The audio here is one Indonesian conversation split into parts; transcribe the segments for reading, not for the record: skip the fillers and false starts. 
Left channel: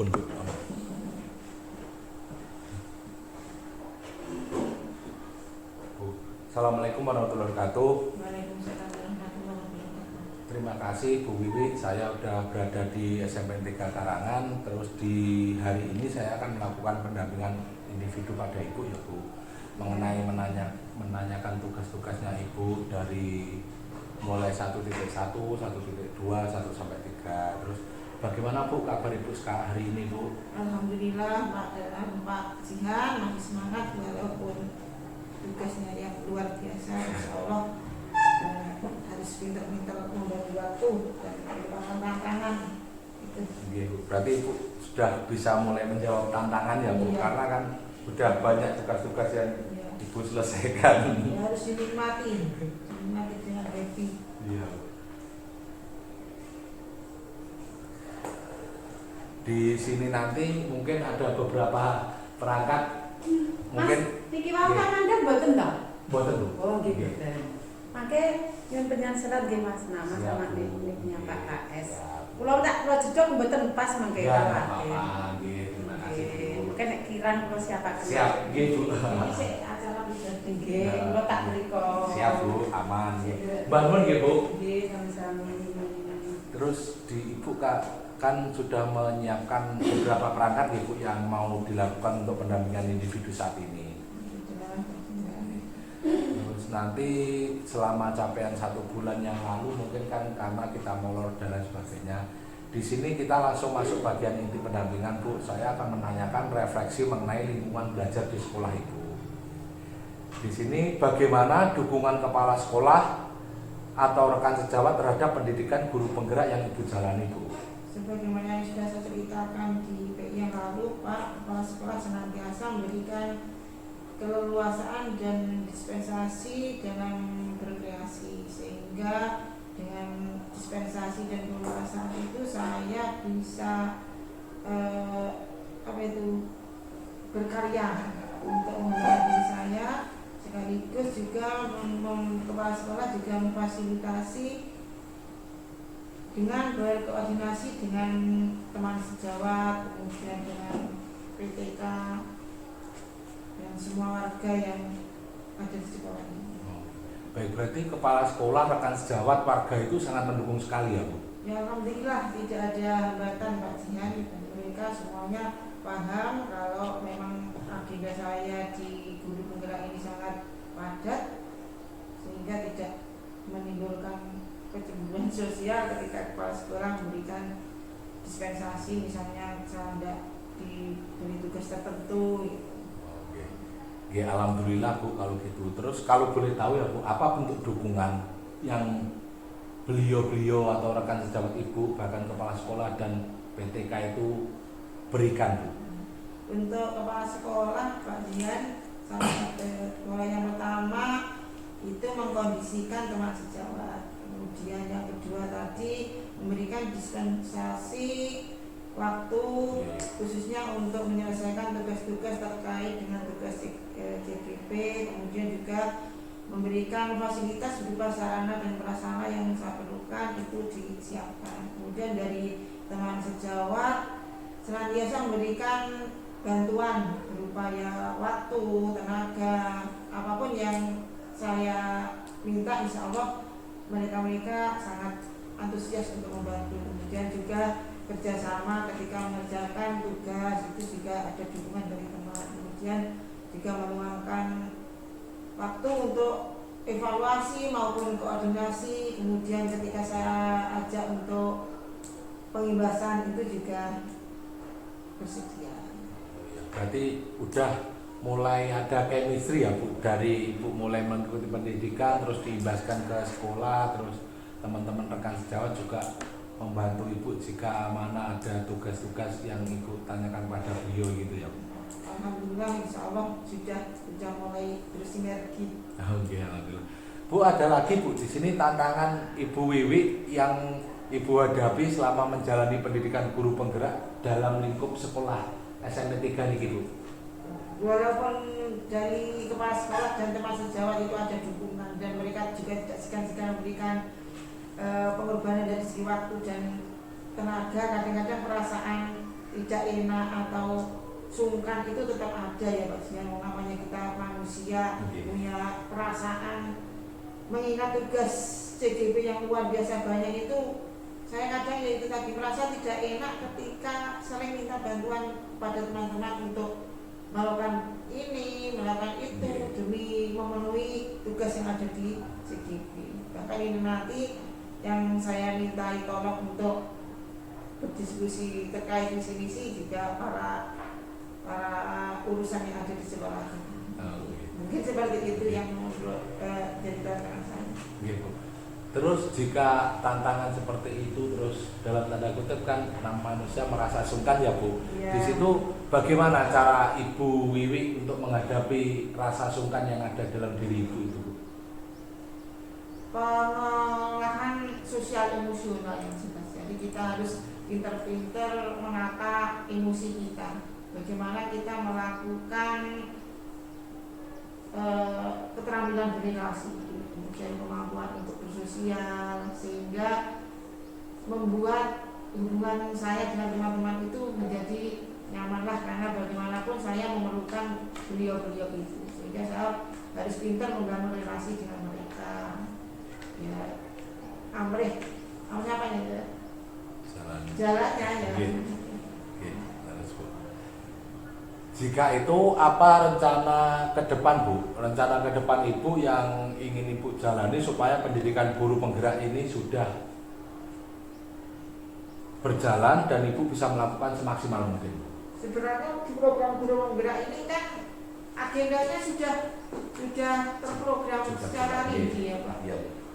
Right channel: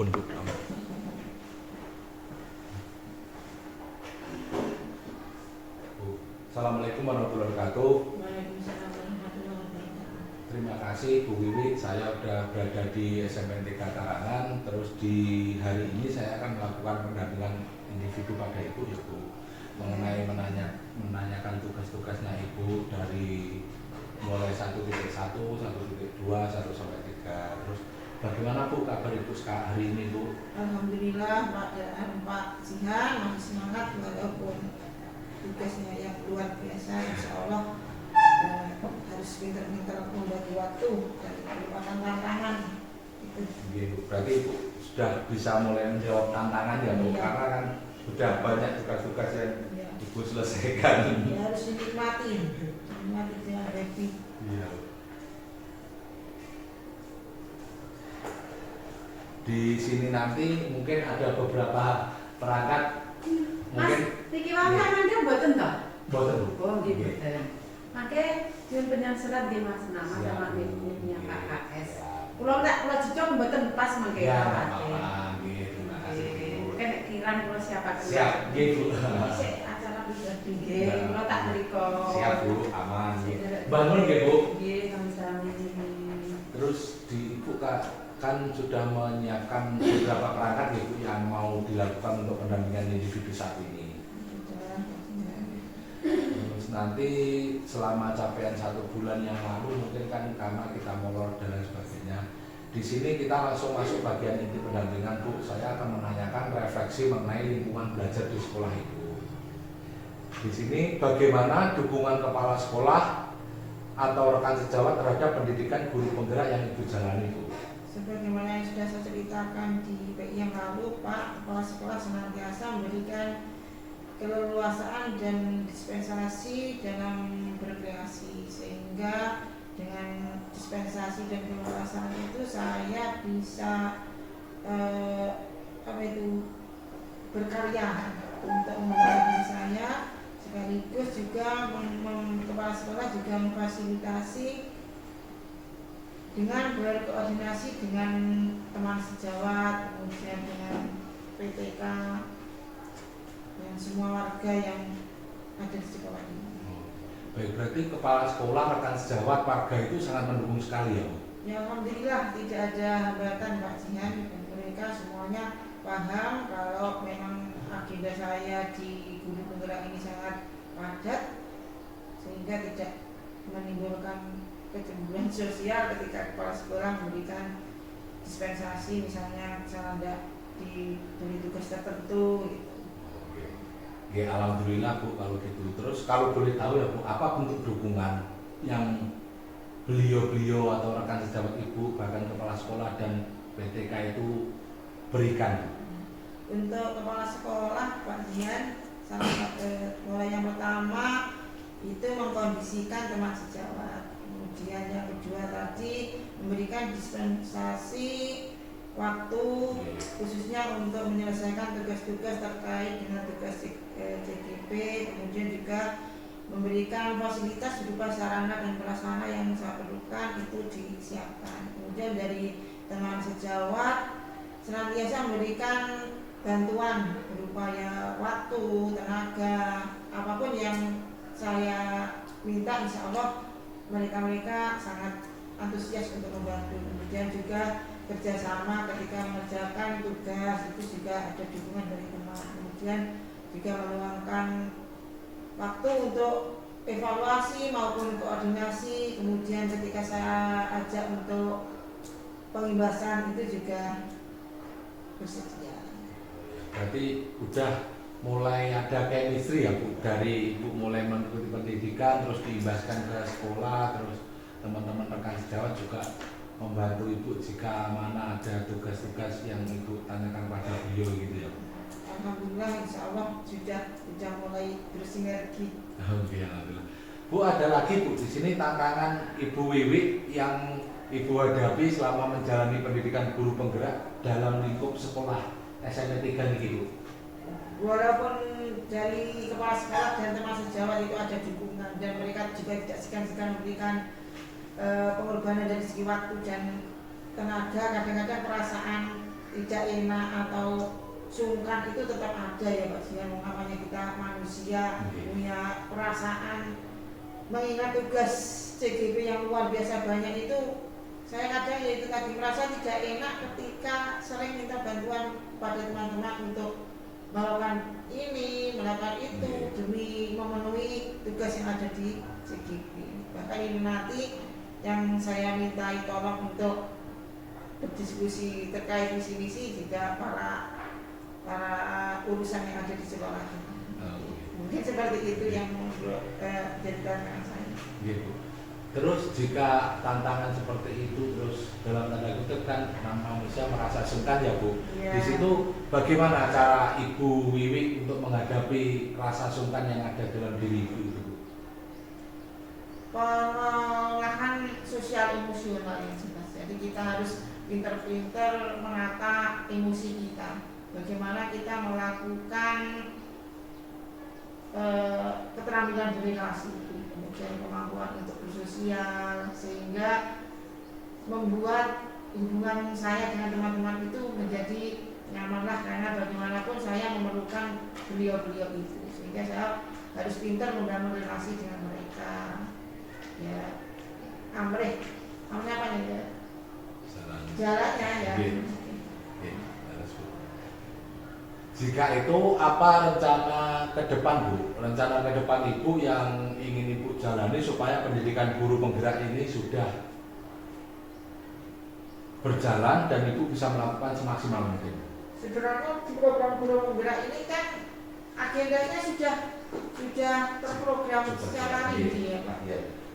pun Bu. Assalamualaikum warahmatullahi wabarakatuh. Waalaikumsalam warahmatullahi wabarakatuh. Terima kasih Bu Wiwi, saya sudah berada di SMPN 3 Tarangan. Terus di hari ini saya akan melakukan pendampingan individu pada Ibu ya Bu, mengenai menanyakan tugas-tugasnya Ibu dari mulai 1.1, 1.2, 1 sampai 3. Terus bagaimana Bu kabar Ibu sekarang hari ini Bu? Alhamdulillah Pak Jihan masih semangat walaupun tugasnya yang luar biasa. Insya Allah harus pintar-pintar membagi waktu dan merupakan tantangan itu. Berarti Ibu sudah bisa mulai menjawab tantangan ya Bu, Iya. karena kan sudah banyak tugas-tugas yang Ya, Ibu selesaikan. ya harus dinikmati dengan happy. Iya. Di sini nanti mungkin ada beberapa perangkat mungkin Niki wae Anda mboten to? boten Bu. Oh, nggih mboten. Mangke yen penyesalan di Mas Nama Siap, sama Bu. niknya Pak KS. Siap. Kula cocok mboten pas mangke Ya, karo nggak Pak. apa-apa. Nggih, terima kasih Bu. Mungkin kirang kula siapa Siap, nggih Bu. Sik acara pribadi nggih, kula tak mriko. Siap Bu, aman nggih. Bangun nggih Bu. Nggih, sami-sami. Terus di Ibu kan sudah menyiapkan beberapa perangkat ya Bu yang mau dilakukan untuk pendampingan individu saat ini. Terus nanti selama capaian 1 bulan yang lalu mungkin kan karena kita molor dan lain sebagainya. Di sini kita langsung masuk bagian inti pendampingan Bu. Saya akan menanyakan refleksi mengenai lingkungan belajar di sekolah Ibu. Di sini bagaimana dukungan kepala sekolah atau rekan sejawat terhadap pendidikan guru penggerak yang Ibu jalani Bu? Sebagaimana yang sudah saya ceritakan di PI yang lalu, Pak Kepala Sekolah senantiasa memberikan keleluasaan dan dispensasi dalam berkreasi, sehingga dengan dispensasi dan keleluasaan itu saya bisa berkarya untuk mengembangkan diri saya, sekaligus juga kepala sekolah juga memfasilitasi dengan berkoordinasi dengan teman sejawat, kemudian dengan PTK dan semua warga yang ada di sekolah ini. Baik, berarti kepala sekolah, rekan sejawat, warga itu sangat mendukung sekali ya Bu? Ya alhamdulillah tidak ada hambatan Pak Jihan, dan mereka semuanya paham kalau memang agenda saya di guru penggerak ini sangat padat, sehingga tidak menimbulkan kecemburuan sosial ketika kepala sekolah memberikan dispensasi, misalnya saya tidak diberi tugas tertentu gitu. Oke. Ya alhamdulillah Bu kalau gitu. Terus kalau boleh tahu ya Bu, apa bentuk dukungan yang beliau-beliau atau rekan sejawat Ibu, bahkan kepala sekolah dan PTK itu berikan Bu? Untuk kepala sekolah Pak Jian, mulai yang pertama itu mengkondisikan teman sejawat. Kemudian yang kedua tadi memberikan dispensasi waktu khususnya untuk menyelesaikan tugas-tugas terkait dengan tugas CGP, kemudian juga memberikan fasilitas berupa sarana dan prasarana yang saya perlukan itu disiapkan. Kemudian dari teman sejawat senantiasa memberikan bantuan berupa ya waktu, tenaga, apapun yang saya minta, insya Allah mereka sangat antusias untuk membantu. Kemudian juga kerjasama ketika mengerjakan tugas itu juga ada dukungan dari teman. Kemudian juga meluangkan waktu untuk evaluasi maupun koordinasi. Kemudian ketika saya ajak untuk pengimbasan itu juga bersedia. Berarti udah mulai ada chemistry ya Bu, dari Ibu mulai mengikuti pendidikan terus diimbaskan ke sekolah, terus teman-teman rekan sejawat juga membantu Ibu jika mana ada tugas-tugas yang Ibu tanyakan pada beliau gitu ya Bu. Alhamdulillah insya Allah sudah mulai bersinergi. Oke, alhamdulillah. Bu, ada lagi Bu di sini tantangan Ibu Wiwi yang Ibu hadapi selama menjalani pendidikan guru penggerak dalam lingkup sekolah SMP 3 ini Bu. Walaupun dari kepala sekolah dan teman sejawat itu ada dukungan dan mereka juga tidak segan-segan memberikan pengorbanan dari segi waktu dan tenaga, kadang-kadang perasaan tidak enak atau sungkan itu tetap ada ya Pak Jian. Namanya kita manusia punya perasaan. Mengingat tugas CGP yang luar biasa banyak itu, saya kadang ya itu tadi merasa tidak enak ketika sering minta bantuan pada teman-teman untuk melakukan ini, melakukan itu demi memenuhi tugas yang ada di CGP. Bahkan ini nanti yang saya minta tolong untuk berdiskusi terkait visi misi juga para urusan yang ada di sekolah. Mungkin seperti itu yang jadi tantangan saya. Terus jika tantangan seperti itu terus dalam tanda kutip kan manusia merasa sungkan ya Bu. Ya. Di situ bagaimana cara Ibu Wiwi untuk menghadapi rasa sungkan yang ada dalam diri Ibu itu? Pengolahan sosial emosional yang jelas. Jadi kita harus pinter-pinter menata emosi kita. Bagaimana kita melakukan keterampilan berrelasi, kemudian kemampuan untuk bersosial, sehingga membuat hubungan saya dengan teman-teman itu menjadi nyamanlah, karena bagaimanapun saya memerlukan beliau-beliau itu, sehingga saya harus pintar membangun relasi dengan mereka. Ya, amrih apa ya? Jalannya ya. Jika itu apa rencana ke depan Bu? Rencana ke depan Ibu yang ingin Ibu jalani supaya pendidikan guru penggerak ini sudah berjalan dan Ibu bisa melakukan semaksimal mungkin. Sebenarnya di program guru penggerak ini kan agendanya sudah terprogram secara rinci ya Pak.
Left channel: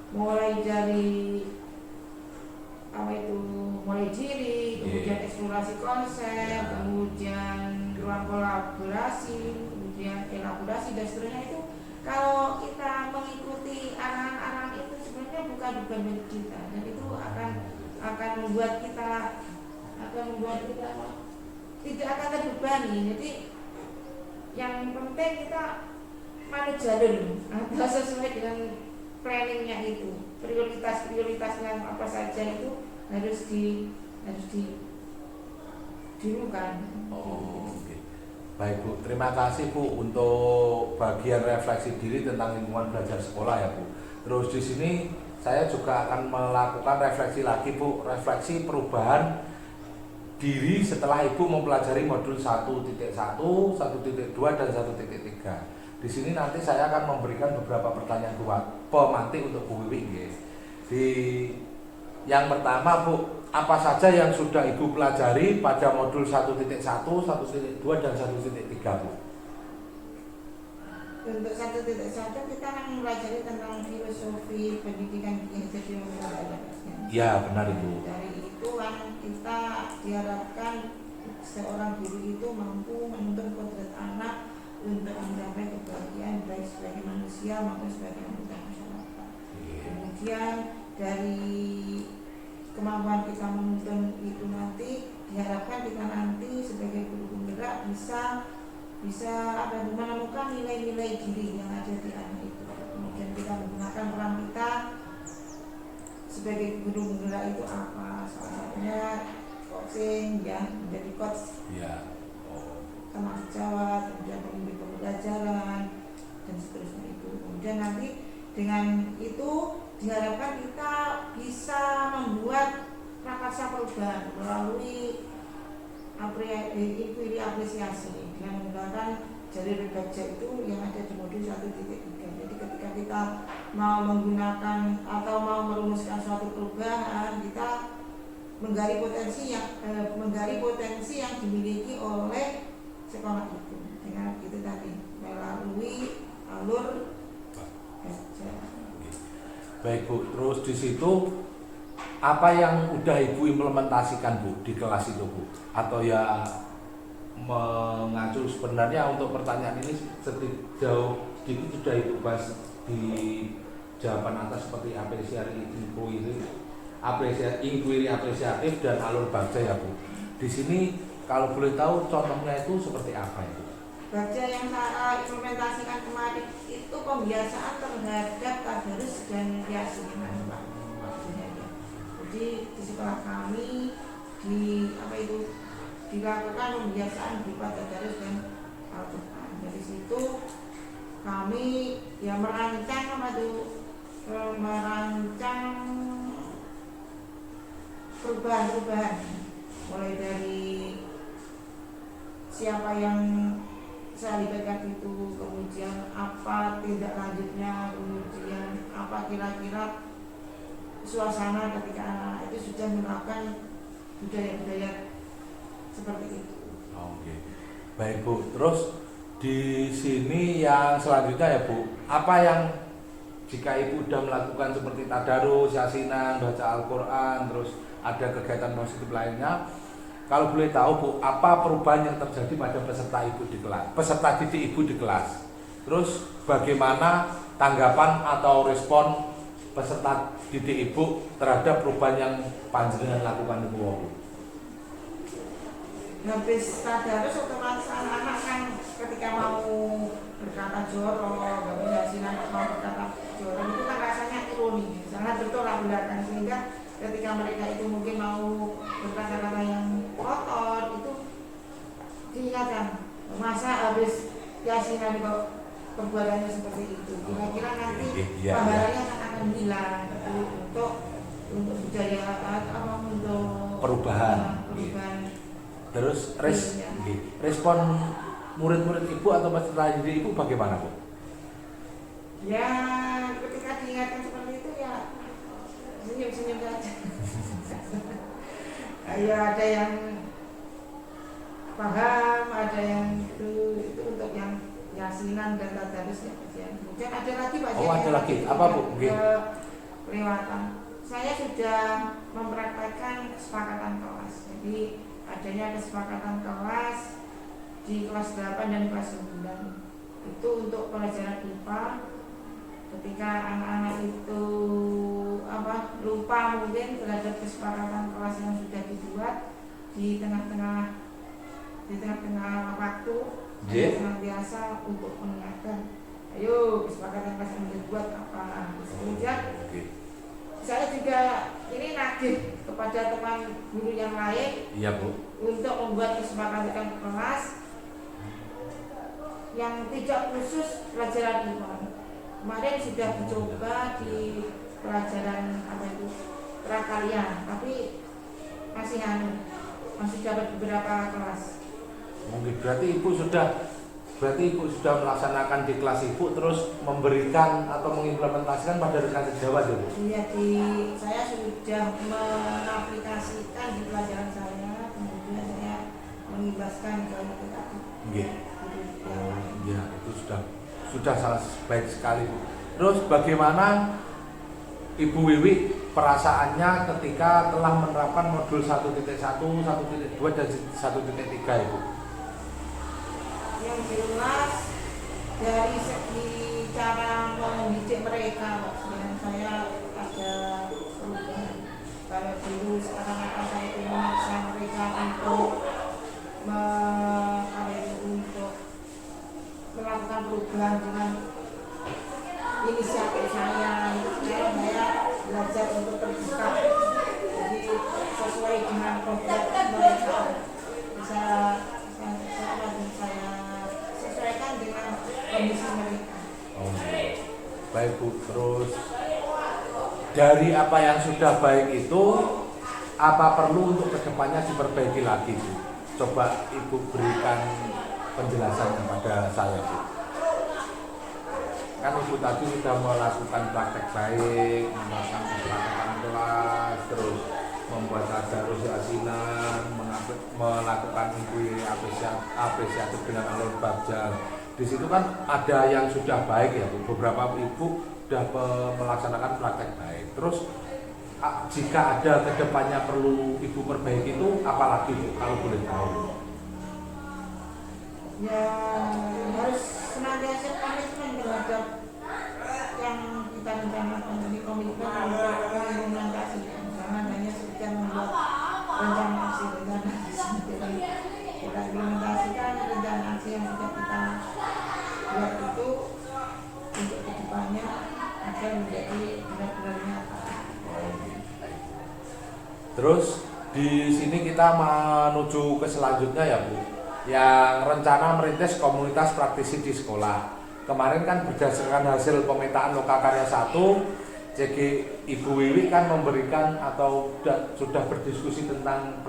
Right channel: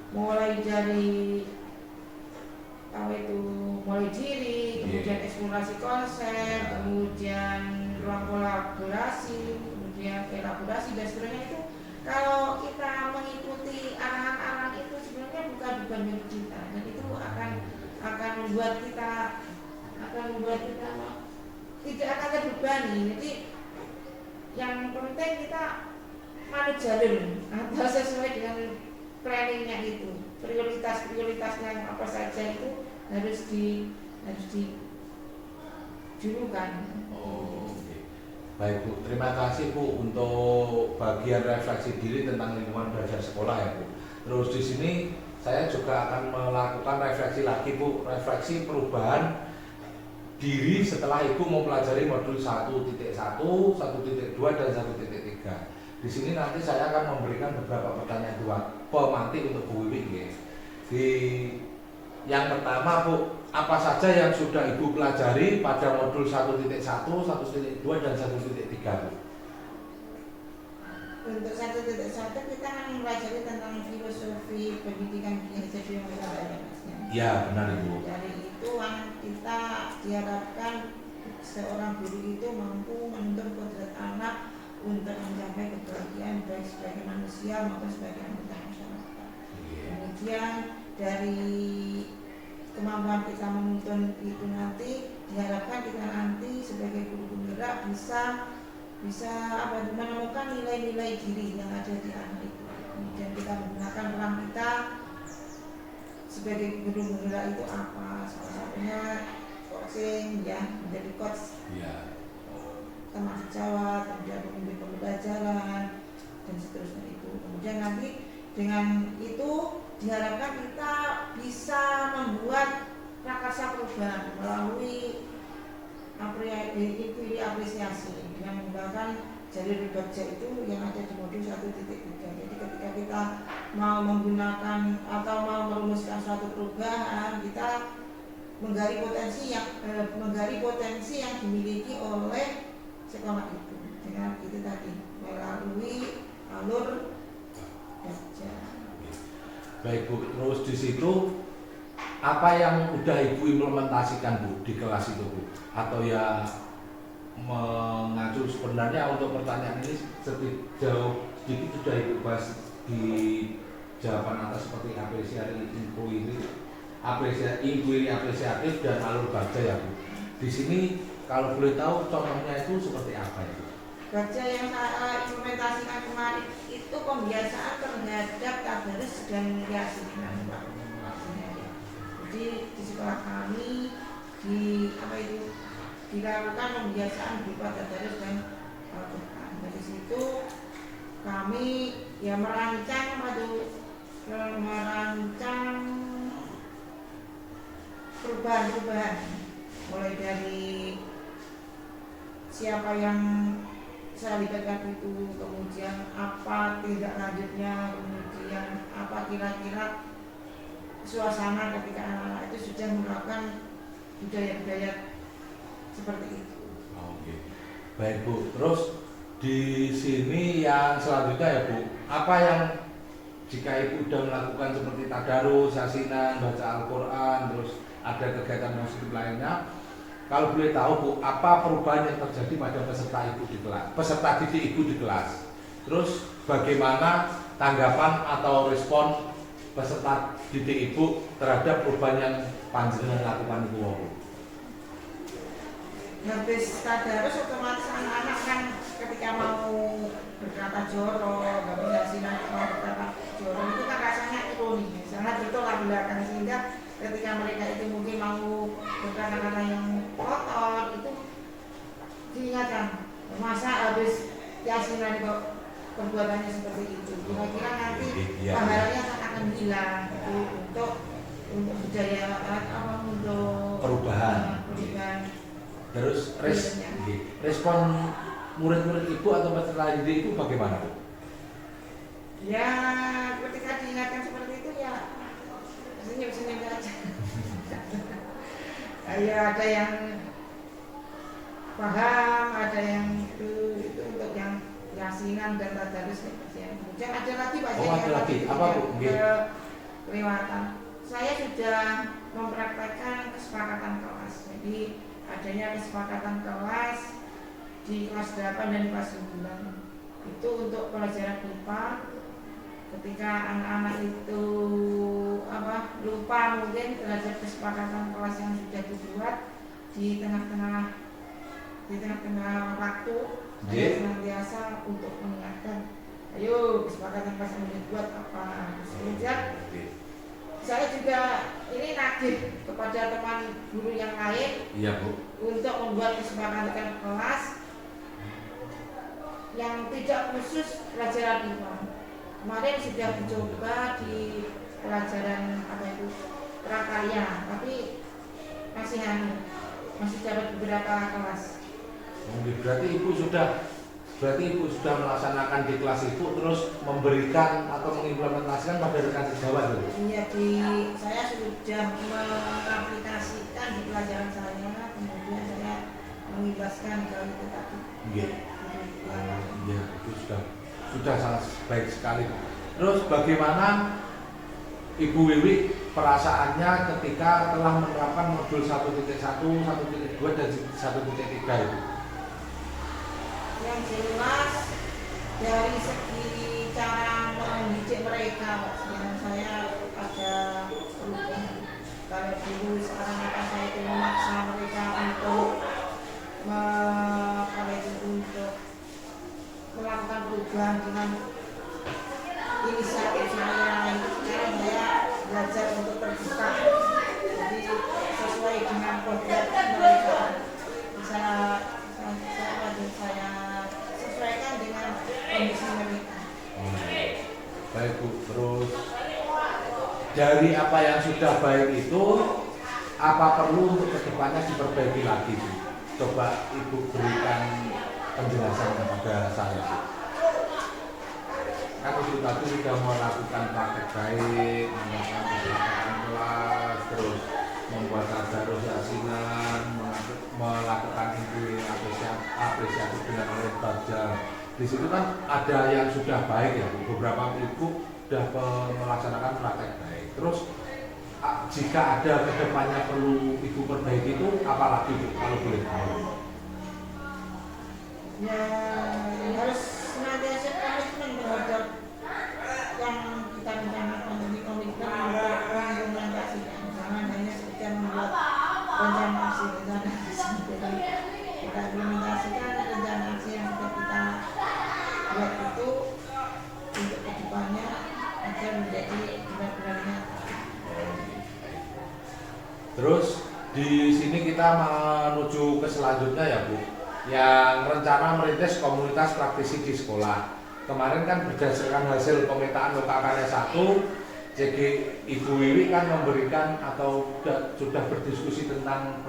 Mulai dari mulai diri, kemudian eksplorasi konsep, kemudian ruang kolaborasi, kemudian elaborasi dan seterusnya. Itu kalau kita mengikuti arahan-arahan itu sebenarnya bukan beban bagi kita, dan itu akan membuat kita tidak akan terbebani. Jadi yang penting kita manut jalur atau sesuai dengan planningnya itu, prioritasnya apa saja itu harus dilakukan. Baik Bu, terima kasih Bu untuk bagian refleksi diri tentang lingkungan belajar sekolah ya Bu. Terus di sini saya juga akan melakukan refleksi lagi Bu, refleksi perubahan diri setelah Ibu mempelajari modul 1.1, 1.2 dan 1.3. Di sini nanti saya akan memberikan beberapa pertanyaan pemantik untuk Bu Wiwi. Yang pertama Bu, apa saja yang sudah Ibu pelajari pada modul 1.1, 1.2 dan 1.3 Bu? Untuk 1.1 kita akan mempelajari tentang filosofi pendidikan Ki Hajar Dewantara Pasnya. Ya benar Ibu. Dari itu kita diharapkan seorang guru itu mampu menuntun kodrat anak untuk mencapai kebahagiaan baik sebagai manusia maupun sebagai anggota masyarakat. Kemudian dari kemampuan kita menuntun itu nanti diharapkan kita nanti sebagai guru penggerak bisa menemukan nilai-nilai diri yang ada di anak itu. Kemudian kita menggunakan peran kita sebagai guru penggerak itu apa? Salah satunya coaching ya, menjadi coach teman sejawat, kemudian pemimpin pembelajaran dan seterusnya itu. Kemudian nanti dengan itu diharapkan kita bisa membuat prakarsa perubahan melalui apresiasi dengan menggunakan jalur baca itu yang ada di modul 1.3. Jadi ketika kita mau menggunakan atau mau merumuskan suatu perubahan, kita menggali potensi yang dimiliki oleh sekolah itu dengan itu tadi melalui alur baca. Baik Bu, terus di situ apa yang udah Ibu implementasikan Bu di kelas itu Bu? Atau ya mengacu sebenarnya untuk pertanyaan ini sedikit sudah Ibu bahas di jawaban atas seperti apresiasi inquiry apresiatif dan alur baca ya Bu. Di sini kalau boleh tahu contohnya itu seperti apa ya? Baca yang saya implementasikan kemarin itu pembiasaan terhadap tadarus dan keyakinan. Jadi di sekolah kami di dilakukan pembiasaan berupa tadarus dan Al-Quran. Dari situ kami ya merancang perubahan-perubahan, mulai dari siapa yang saya libatkan itu, kemudian apa tindak lanjutnya, kemudian apa kira-kira suasana ketika anak-anak itu sudah melakukan budaya-budaya seperti itu. Oke. Baik Bu, terus di sini yang selanjutnya ya Bu, apa yang jika Ibu sudah melakukan seperti tadarus, yasinan, baca Al-Quran, terus ada kegiatan positif lainnya, kalau boleh tahu Bu, apa perubahan yang terjadi pada peserta Ibu di kelas, peserta didik Ibu di kelas? Terus bagaimana tanggapan atau respon peserta didik Ibu terhadap perubahan yang panjenengan lakukan Ibu? Habis tadarus otomatis anak-anak kan ketika mau berkata jorok, gak yasinan mau berkata jorok itu kan rasanya ironi, sangat bertolak belakang, sehingga ketika mereka itu mungkin mau berkata-kata yang kotor itu diingatkan, masa habis yasinan kok perbuatannya seperti itu, kira-kira nanti pahalanya akan hilang itu untuk budaya apa, untuk perubahan. Terus respon murid-murid Ibu atau peserta didik Ibu bagaimana Bu? Ya ketika diingatkan seperti itu ya senyum-senyum saja. Ya ada yang paham, ada yang itu untuk yang yasinan dan tadarus ya. Kemudian ada lagi Pak. Ada lagi. Apa Bu? Kelewatan. Saya sudah mempraktekkan kesepakatan kelas. Jadi adanya kesepakatan kelas di kelas 8 dan kelas 9 itu untuk pelajaran IPA. Ketika anak-anak itu lupa mungkin terhadap kesepakatan kelas yang sudah dibuat di tengah-tengah waktu, saya senantiasa untuk mengingatkan, ayo kesepakatan kelas yang dibuat apa. Kemudian saya juga ini nagih kepada teman guru yang lain, iya Bu, untuk membuat kesepakatan kelas yang tidak khusus pelajaran IPA. Kemarin sudah dicoba di pelajaran prakarya, tapi masih dapat beberapa kelas. Berarti Ibu sudah melaksanakan di kelas Ibu, terus memberikan atau mengimplementasikan pada rekan sejawat dulu. Iya, saya sudah mengaplikasikan di pelajaran saya, kemudian saya mengibaskan ke itu tadi. Iya, itu sudah sangat baik sekali. Terus bagaimana Ibu Wiwi perasaannya ketika telah menerapkan modul 1.1, 1.2 dan 1.3 itu? Yang jelas dari segi cara mendidik mereka, yang saya ada perubahan. Kalau dulu seakan-akan saya itu memaksa mereka untuk melakukan perubahan dengan inisiatif saya, itu sekarang saya belajar untuk terbuka, jadi sesuai dengan kodrat mereka, saya sesuaikan dengan kondisi mereka. Baik Bu, terus dari apa yang sudah baik itu, apa perlu untuk kedepannya diperbaiki lagi Bu? Coba Ibu berikan penjelasan kepada saya Bu. Kan Ibu tadi sudah melakukan praktek baik, melakukan kesepakatan kelas, terus membuat tadarus yasinan, melakukan apresiasi dengan alur bajal. Di situ kan ada yang sudah baik ya Bu. Beberapa Ibu sudah melaksanakan praktek baik. Terus jika ada kedepannya perlu Ibu perbaiki itu apalagi Bu, kalau boleh tahu? Ya harus senantiasa komitmen terhadap yang kita rencanakan, jadi komitmen untuk mengimplementasikan, jangan hanya sekedar membuat rencana aksi. Jadi kita implementasikan rencana aksi yang sudah kita buat itu untuk kedepannya agar menjadi benar-benar nyata. Terus Di sini kita menuju ke selanjutnya ya Bu, yang rencana merintis komunitas praktisi di sekolah. Kemarin kan berdasarkan hasil pemetaan lokakarya 1, CG Ibu Wiwi kan memberikan atau sudah berdiskusi tentang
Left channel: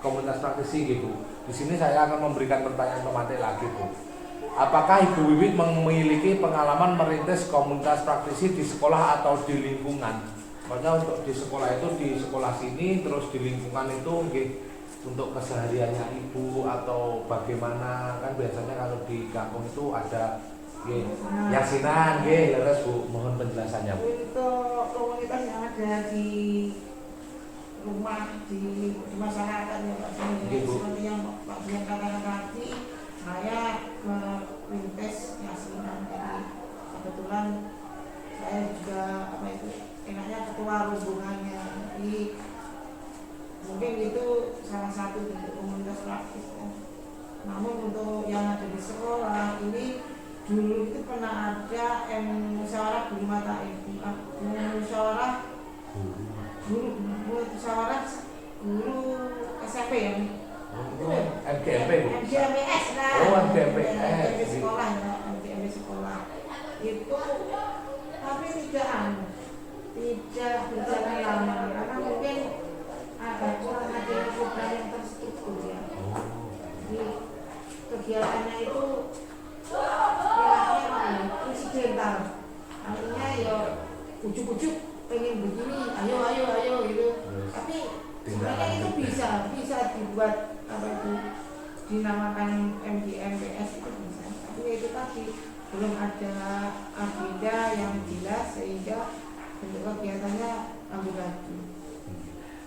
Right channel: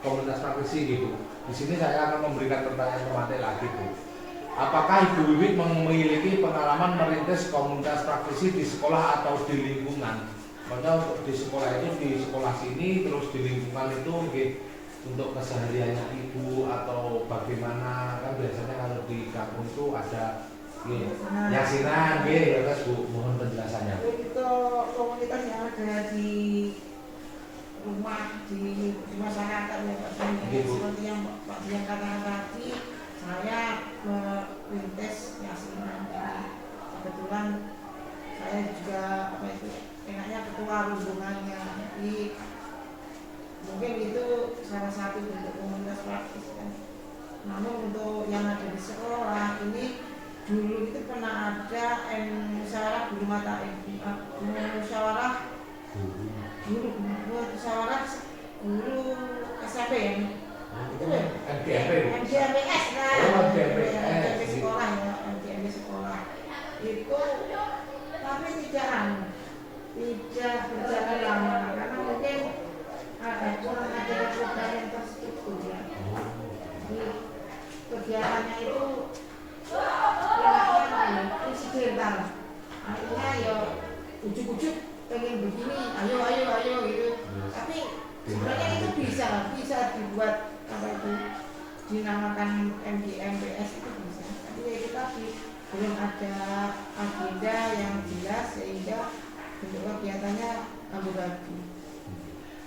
komunitas praktisi gitu. Di sini saya akan memberikan pertanyaan pematik lagi Bu. Apakah Ibu Wiwi memiliki pengalaman merintis komunitas praktisi di sekolah atau di lingkungan? Maksudnya untuk di sekolah itu di sekolah sini, terus di lingkungan itu untuk kesehariannya Ibu atau bagaimana, kan biasanya kalau di kampung itu ada yasinan, terus Bu, mohon penjelasannya Bu. Untuk komunitas yang ada di rumah, di masyarakat ya Pak Dian, seperti yang Pak Dian katakan tadi, saya merintis yasinan. Jadi kebetulan saya juga enaknya ketua rombongannya. Jadi mungkin itu salah satu bentuk komunitas praktis kan. Namun untuk yang ada di sekolah ini dulu itu pernah ada musyawarah guru mata musyawarah guru SMP ya. Itu MGMPS lah. MGMP sekolah ya, MGMP sekolah. Itu tapi tidak berjalan lama karena mungkin kurang ada program yang terstruktur ya. Jadi kegiatannya itu insidental, akhirnya ya ujuk-ujuk pengen begini, ayo gitu. Tapi sebenarnya itu bisa dibuat dinamakan MGMPS itu bisa. Tapi itu tadi belum ada agenda yang jelas sehingga bentuk kegiatannya amburadul.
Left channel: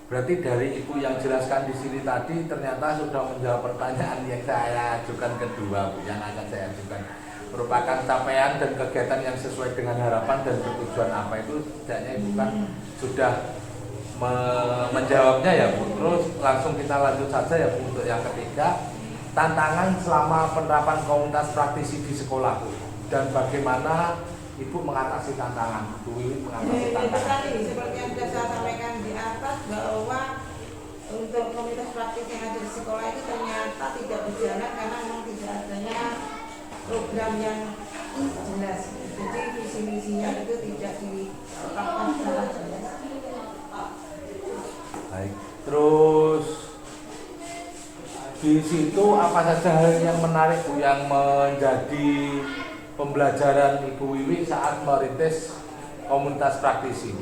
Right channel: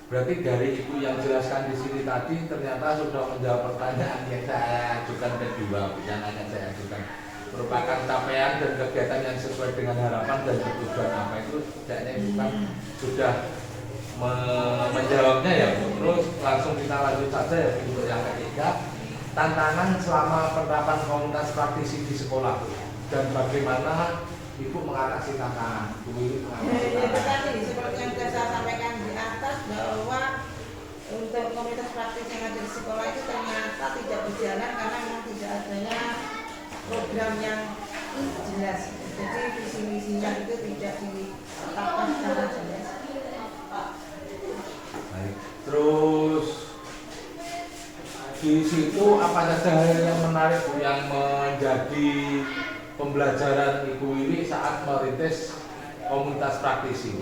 Berarti dari Ibu yang jelaskan di sini tadi ternyata sudah menjawab pertanyaan yang saya ajukan kedua, yang akan saya ajukan. Merupakan capaian dan kegiatan yang sesuai dengan harapan dan tujuan apa itu, setidaknya Ibu kan sudah menjawabnya ya Bu. Terus langsung kita lanjut saja ya Bu, untuk yang ketiga, tantangan selama penerapan komunitas praktisi di sekolah dan bagaimana Ibu mengatasi tantangan. Bu ini mengatasi tantangan. Itu tadi seperti yang sudah saya sampaikan di atas bahwa untuk komunitas praktis yang ada di sekolah itu ternyata tidak berjalan karena memang tidak adanya program yang jelas. Jadi visi misinya itu tidak ditetapkan secara jelas. Baik. Terus di situ apa saja hal yang menarik Bu yang menjadi pembelajaran Ibu Wiwi saat merintis komunitas praktisi?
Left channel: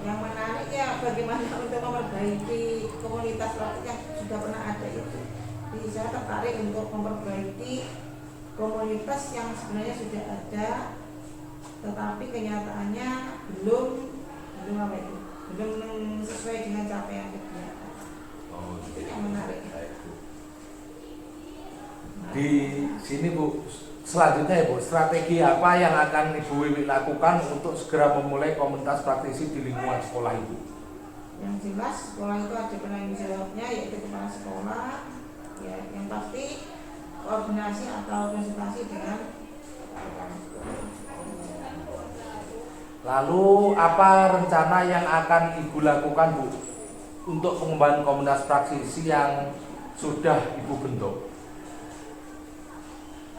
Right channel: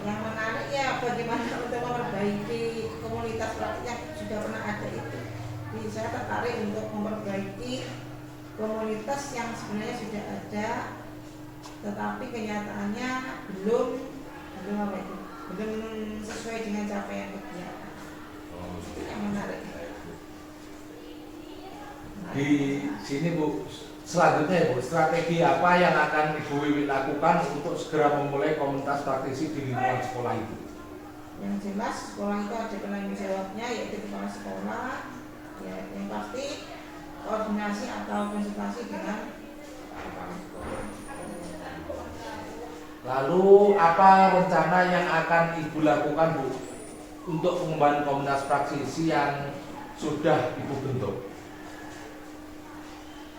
Yang menarik ya bagaimana untuk memperbaiki komunitas praktis yang sudah pernah ada itu. Jadi saya tertarik untuk memperbaiki komunitas yang sebenarnya sudah ada, tetapi kenyataannya belum sesuai dengan capaian kegiatan. Itu yang menarik. Di sini Bu, selanjutnya Ibu, strategi apa yang akan Ibu Wiwi lakukan untuk segera memulai komunitas praktisi di lingkungan sekolah itu? Yang jelas sekolah itu ada penanggung jawabnya, yaitu kepala sekolah. Ya, yang pasti koordinasi atau konsultasi dengan kepala sekolah. Lalu apa rencana yang akan Ibu lakukan Bu untuk pengembangan komunitas praktisi yang sudah Ibu bentuk?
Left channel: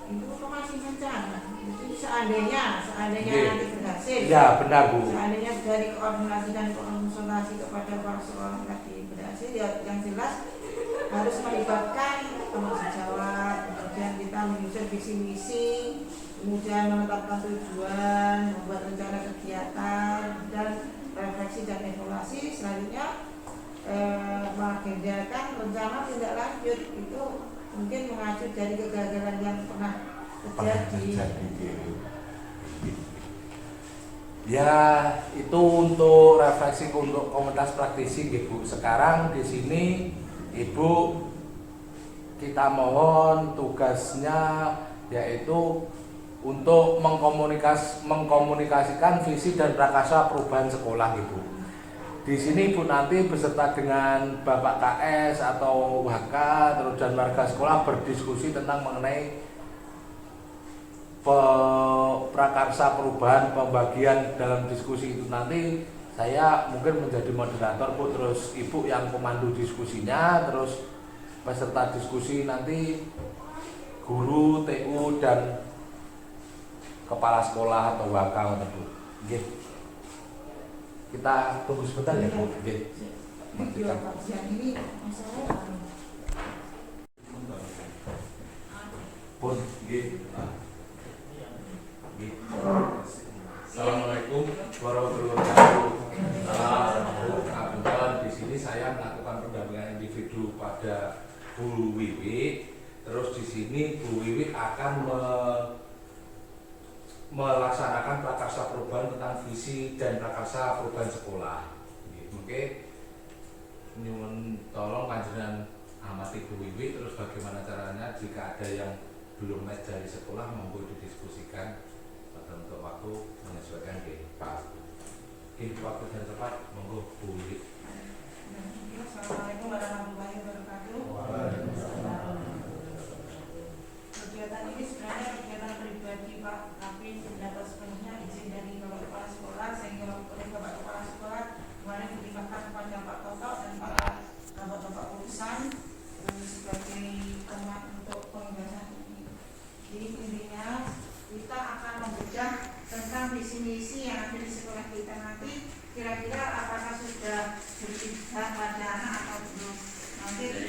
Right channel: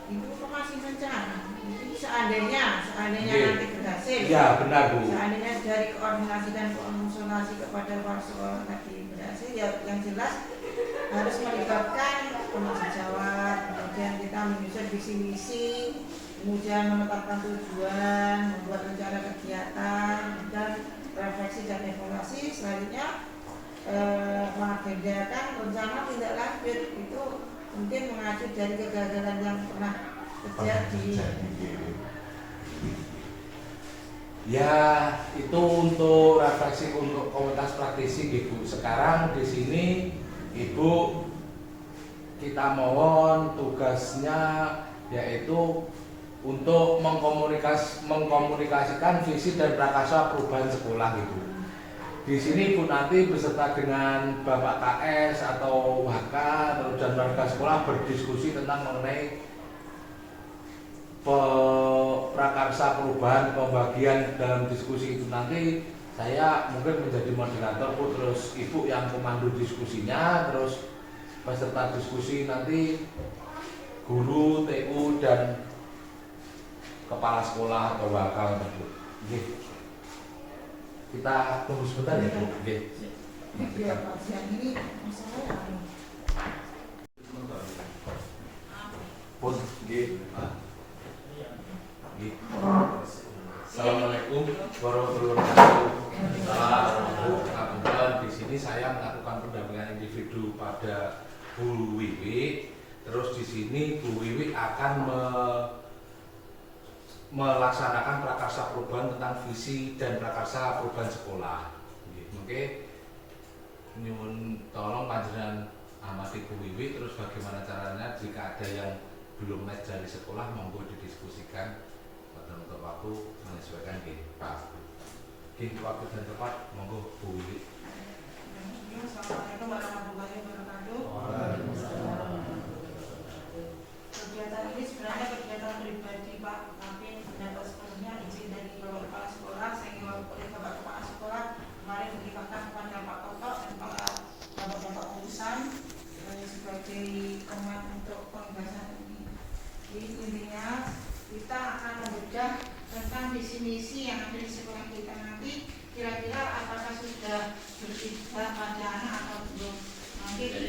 Itu masih rencana. Jadi seandainya nanti berhasil. Ya benar Bu. Seandainya dari koordinasi dan konsultasi kepada kepala sekolah tadi berhasil, ya yang jelas harus melibatkan teman sejawat, kemudian kita menyusun visi misi, kemudian menetapkan tujuan, membuat rencana kegiatan, dan refleksi dan evaluasi. Selanjutnya mengagendakan rencana tindak lanjut, itu mungkin mengacu dari kegagalan yang pernah terjadi. Ya, itu untuk refleksi untuk komunitas praktisi Ibu. Sekarang di sini Ibu kita mohon tugasnya yaitu untuk mengkomunikasikan visi dan prakarsa perubahan sekolah gitu. Di sini Ibu nanti beserta dengan Bapak KS atau HK terus dan warga sekolah berdiskusi tentang mengenai prakarsa perubahan pembagian. Dalam diskusi itu nanti Saya mungkin menjadi moderator Bu, terus Ibu yang pemandu diskusinya, terus peserta diskusi nanti guru, TU dan kepala sekolah atau wakal Bu. Oke. Kita tunggu sebentar ya Bu. Oke. Iya, kajian ini masalah Pun, Assalamualaikum warahmatullahi wabarakatuh. Kebetulan di sini saya melakukan pendampingan individu pada Bu Wiwi. Terus di sini Bu Wiwi akan melaksanakan prakarsa perubahan tentang visi dan prakarsa perubahan sekolah. Oke. Nyuwun tolong panjenengan amati Bu Wiwi, terus bagaimana caranya jika ada yang belum match dari sekolah monggo didiskusikan pada untuk waktu menyesuaikan Pak. Waktu dan tepat monggo Bu Wiwi. Assalamualaikum warahmatullahi wabarakatuh. Kegiatan ini sebenarnya kegiatan pribadi Pak, tapi terdapat sepenuhnya izin dari Bapak Kepala Sekolah, sehingga oleh Bapak Kepala Sekolah kemarin dilimpahkan kepada Pak Toto dan para bapak-bapak urusan sebagai pengat untuk pembahasan ini. Jadi intinya kita akan membedah tentang visi misi yang ada di sekolah kita nanti, kira-kira apakah sudah berpihak pada anak atau belum. Nanti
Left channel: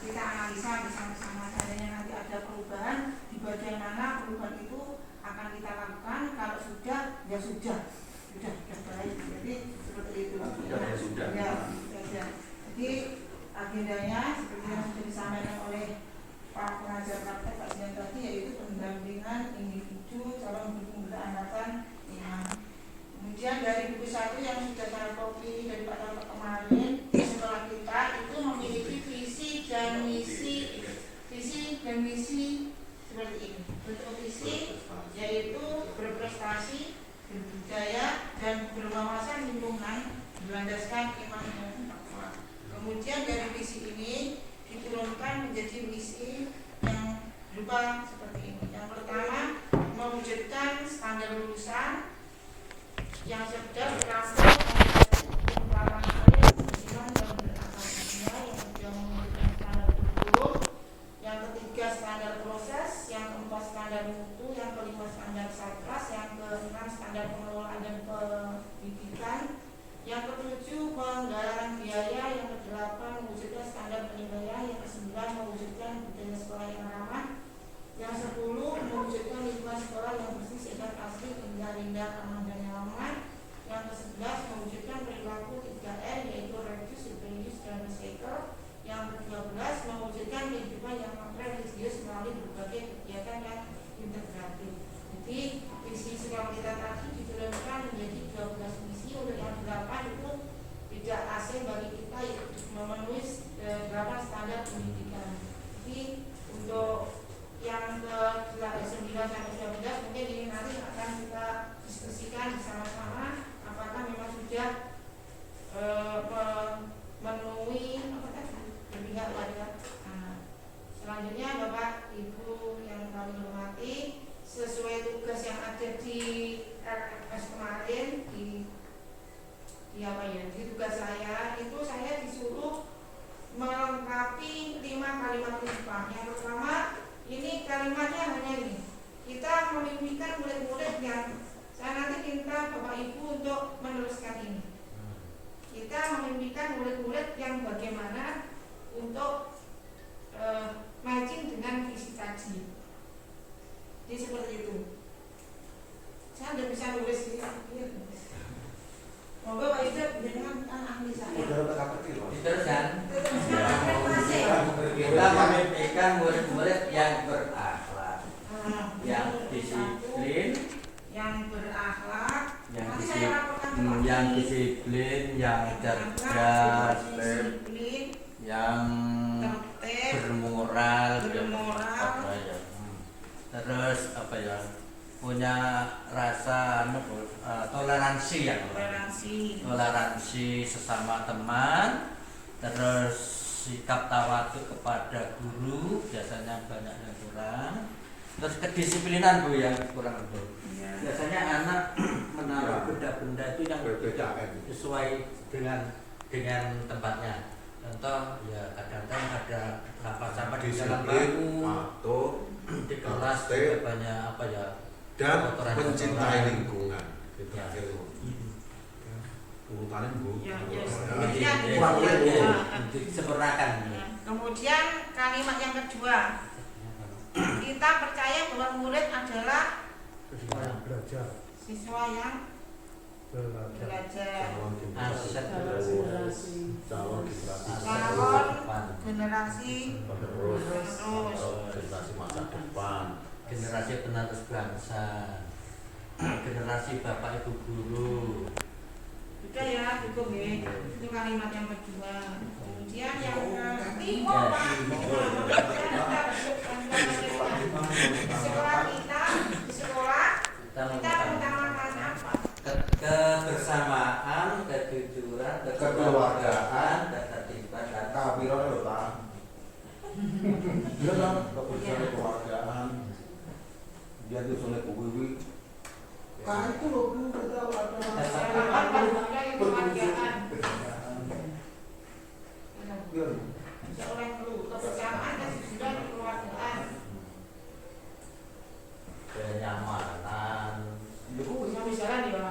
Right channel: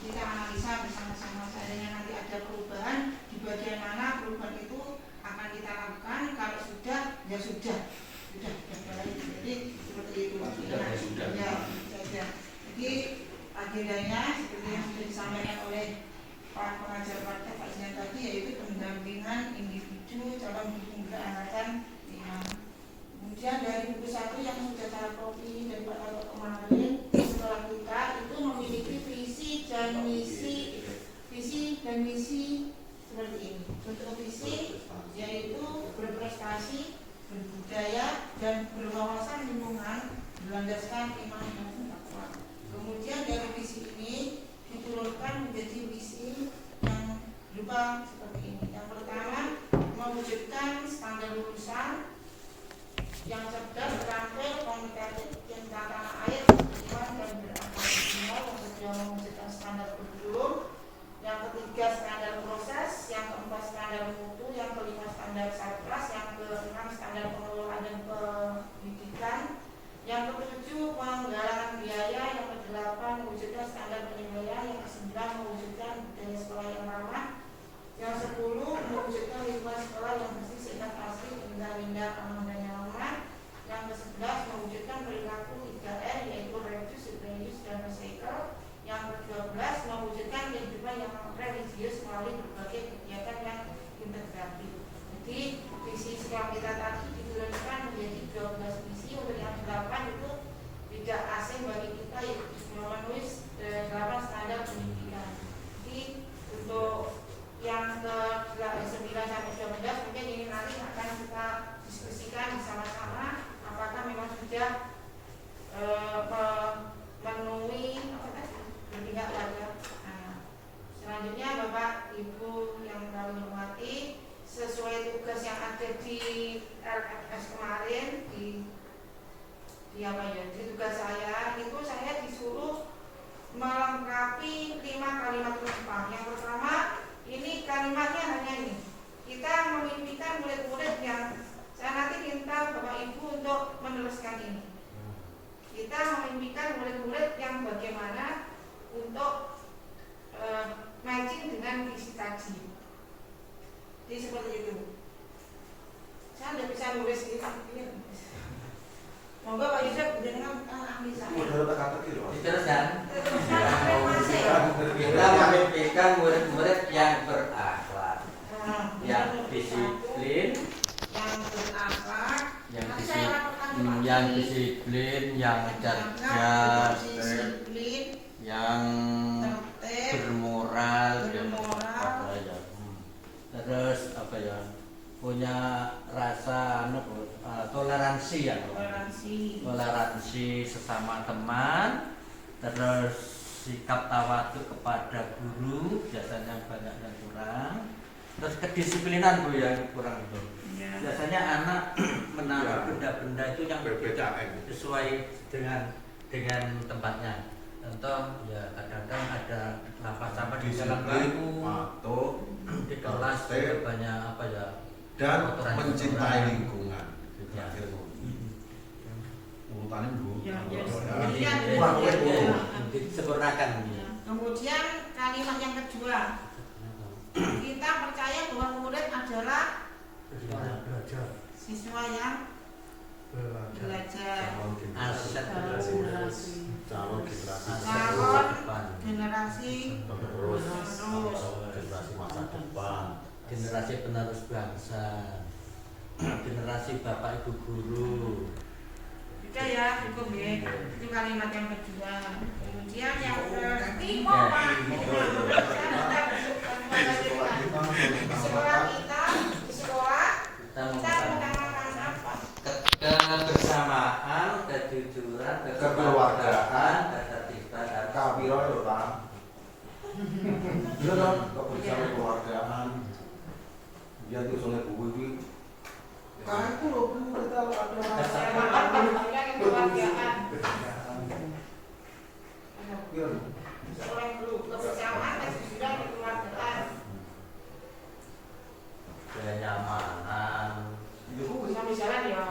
kita analisa bersama-sama, seandainya nanti ada perubahan di bagian mana perubahan itu akan kita lakukan. Kalau sudah, ya sudah baik. Jadi seperti itu. Ya. Jadi agendanya seperti yang sudah disampaikan oleh Pak Pengajar Praktek Pak Zian tadi, yaitu pendampingan individu calon pembina angkatan 5. Kemudian dari buku 1 yang sudah saya copy dari Pak Toto kemarin, sekolah kita itu memiliki visi dan misi seperti ini. Bentuk visi yaitu berprestasi, berbudaya dan berwawasan lingkungan berlandaskan iman dan takwa. Kemudian dari visi ini diturunkan menjadi misi yang berupa seperti ini. Yang pertama, mewujudkan standar lulusan yang cerdas, terampil, kompetensi hukum tanah air, iman dan berakal dunia. Yang kedua, mewujudkan standar kurikulum. Yang ketiga, standar proses. Yang keempat, standar mutu. Yang kelima, standar satgas. Yang keenam, standar pengelolaan dan pendidikan. Yang ketujuh, penggalangan biaya. Yang kedelapan, mewujudkan standar penilaian. Yang kesembilan, mewujudkan budaya sekolah yang ramah. Yang 10, mewujudkan lingkungan sekolah yang bersih, sehat, asri, indah, aman dan nyaman. Yang ke-11, mewujudkan perilaku 3R, yaitu reduce, reuse, dan recycle. Yang ke-12, mewujudkan kehidupan yang religius melalui berbagai kegiatan yang integratif. Jadi visi sekolah kita tadi diturunkan menjadi 12 misi. Untuk yang 8 itu tidak asing bagi kita, yaitu memenuhi 8 standar pendidikan. Jadi untuk yang ke-9 sampai 12 mungkin ini nanti akan kita diskusikan bersama-sama apakah memang sudah memenuhi berpihak ya. Selanjutnya Bapak Ibu yang kami hormati, sesuai tugas yang ada di LFS kemarin di tugas saya itu saya disuruh melengkapi 5 kalimat penumpang. Yang pertama, ini kalimatnya hanya ini. Kita memimpikan murid-murid yang saya nanti minta Bapak Ibu untuk meneruskan ini. Kita memimpikan murid-murid yang bagaimana untuk matching dengan visi tadi. Jadi seperti itu. Saya tidak bisa nulis ini. Monggo Pak Yusuf dengan ahli saya. Diteruskan. Kita memimpikan murid-murid yang berakhlak, yang disiplin, yang disiplin, yang cerdas, yang bermoral, terus apa ya, punya rasa toleransi ya, toleransi sesama teman, terus sikap tawadhu kepada guru, biasanya banyak yang kurang, terus kedisiplinan Bu yang kurang Bu. Biasanya anak menaruh benda-benda itu yang PPKM. sesuai dengan tempatnya. Contoh ya kadang-kadang ada sampah di jalan Disiplin bangku, atau di kelas step banyak apa ya, dan kotoran-kotoran. mencintai lingkungan. Ya. Urutannya Bu. Ya, ya. Ya. Kemudian, Disempurnakan. kemudian kalimat yang kedua, kita percaya bahwa murid adalah siswa yang belajar. Calon generasi Calon generasi penerus, penerus. generasi masa depan. Generasi penerus bangsa, generasi bapak ibu guru. Juga ya, cukup ya. Itu kalimat yang kedua. Kemudian yang ketiga, Pak. Di sekolah kita, di sekolah Kita kita mengutamakan apa? kebersamaan, kejujuran, Kekeluargaan, ketertiban, dan Kabiro itu kan. Iya kan, kebersamaan keluargaan. Dia tuh soalnya buku ini. Kan itu loh Bu, kita ada Kekeluargaan. Iya. Seorang guru kebersamaan dan kejujuran kekeluargaan. kenyamanan. Sampai jalan ya.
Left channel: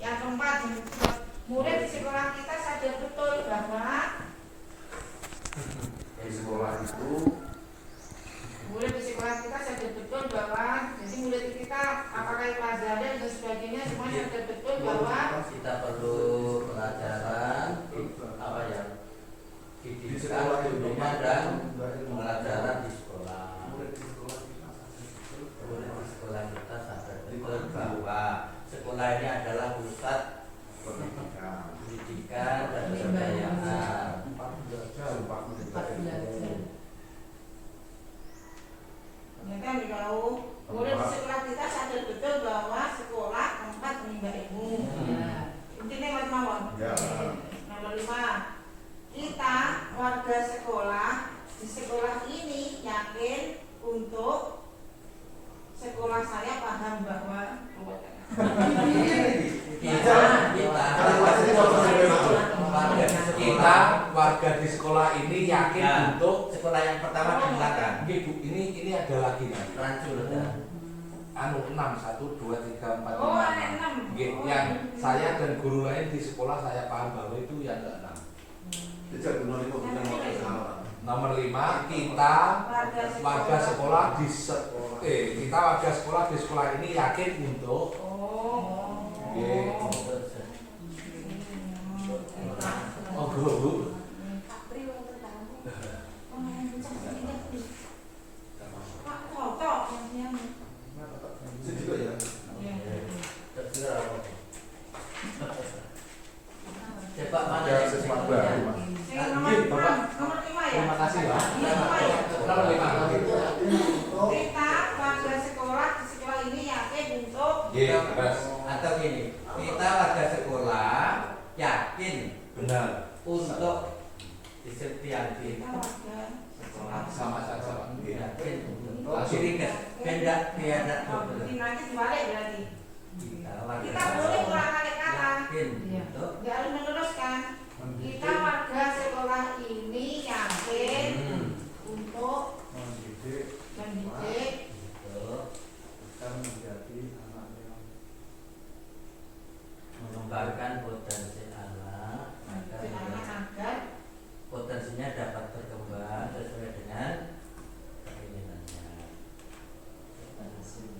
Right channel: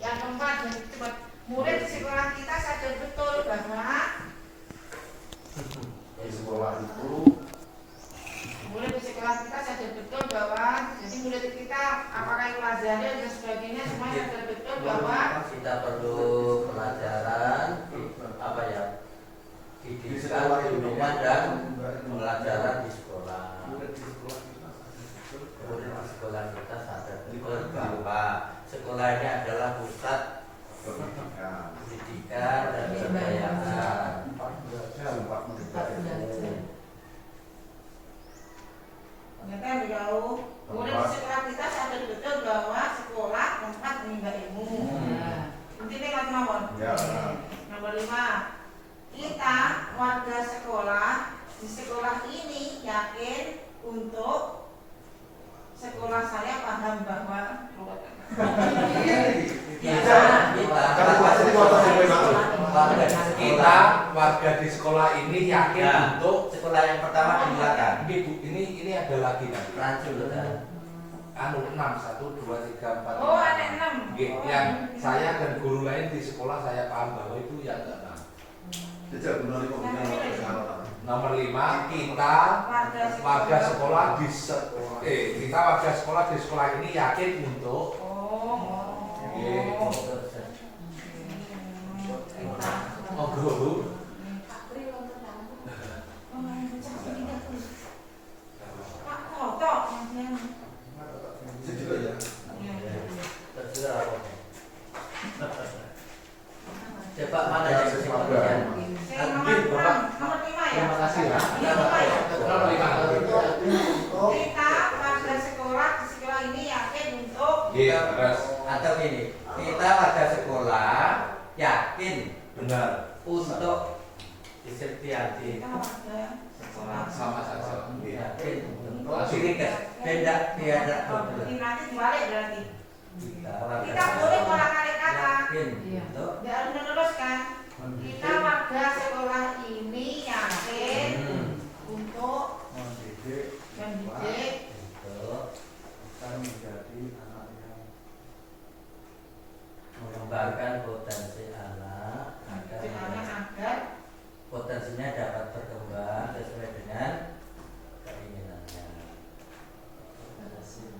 Yang keempat, murid di sekolah kita sadar betul bahwa Di sekolah itu murid di sekolah kita sadar betul bahwa jadi murid kita apakah itu pelajaran dan sebagainya semuanya sadar betul bahwa Kita perlu pelajaran apa ya, di sekolah didikan itu rumah dan pelajaran di sekolah. Murid di sekolah kita sadar betul bahwa sekolah ini adalah pusat pendidikan dan kebudayaan. ternyata dikau murid di sekolah kita sadar betul bahwa sekolah tempat menimba ilmu. Intinya mas mawon. Nomor 5, kita warga sekolah di sekolah ini yakin untuk sekolah saya paham bahwa Kita warga di sekolah ini yakin Ya, untuk sekolah yang pertama dimulakan. ini ada lagi nanti. Lanjut dan Anu 6 1 2 3 4 oh ada 6. Yang saya dan guru lain di sekolah saya paham bahwa itu ya ada 6. Nomor 5, kita warga sekolah di kita warga sekolah di sekolah ini yakin untuk guru. Pak Kotok Coba mana Ya, yang siswa semuanya? baru. nomor 5 ya. Terima kasih ya. Nomor 5. Nomor 5. Kita warga sekolah di sekolah ini yakin untuk Terus Atau gini, kita warga sekolah yakin benar untuk disetiati, kita warga sekolah. sama saja. yakin untuk diringkas, beda tiada Ini nanti dibalik berarti. kita warga Kita boleh sekolah bolak-balik kata. yakin Iya. untuk Nggak harus meneruskan. Kita warga sekolah ini yakin untuk mendidik mendidik untuk kita menjadi anak yang mengembangkan potensi anak agar potensinya dapat berkembang sesuai dengan keinginannya.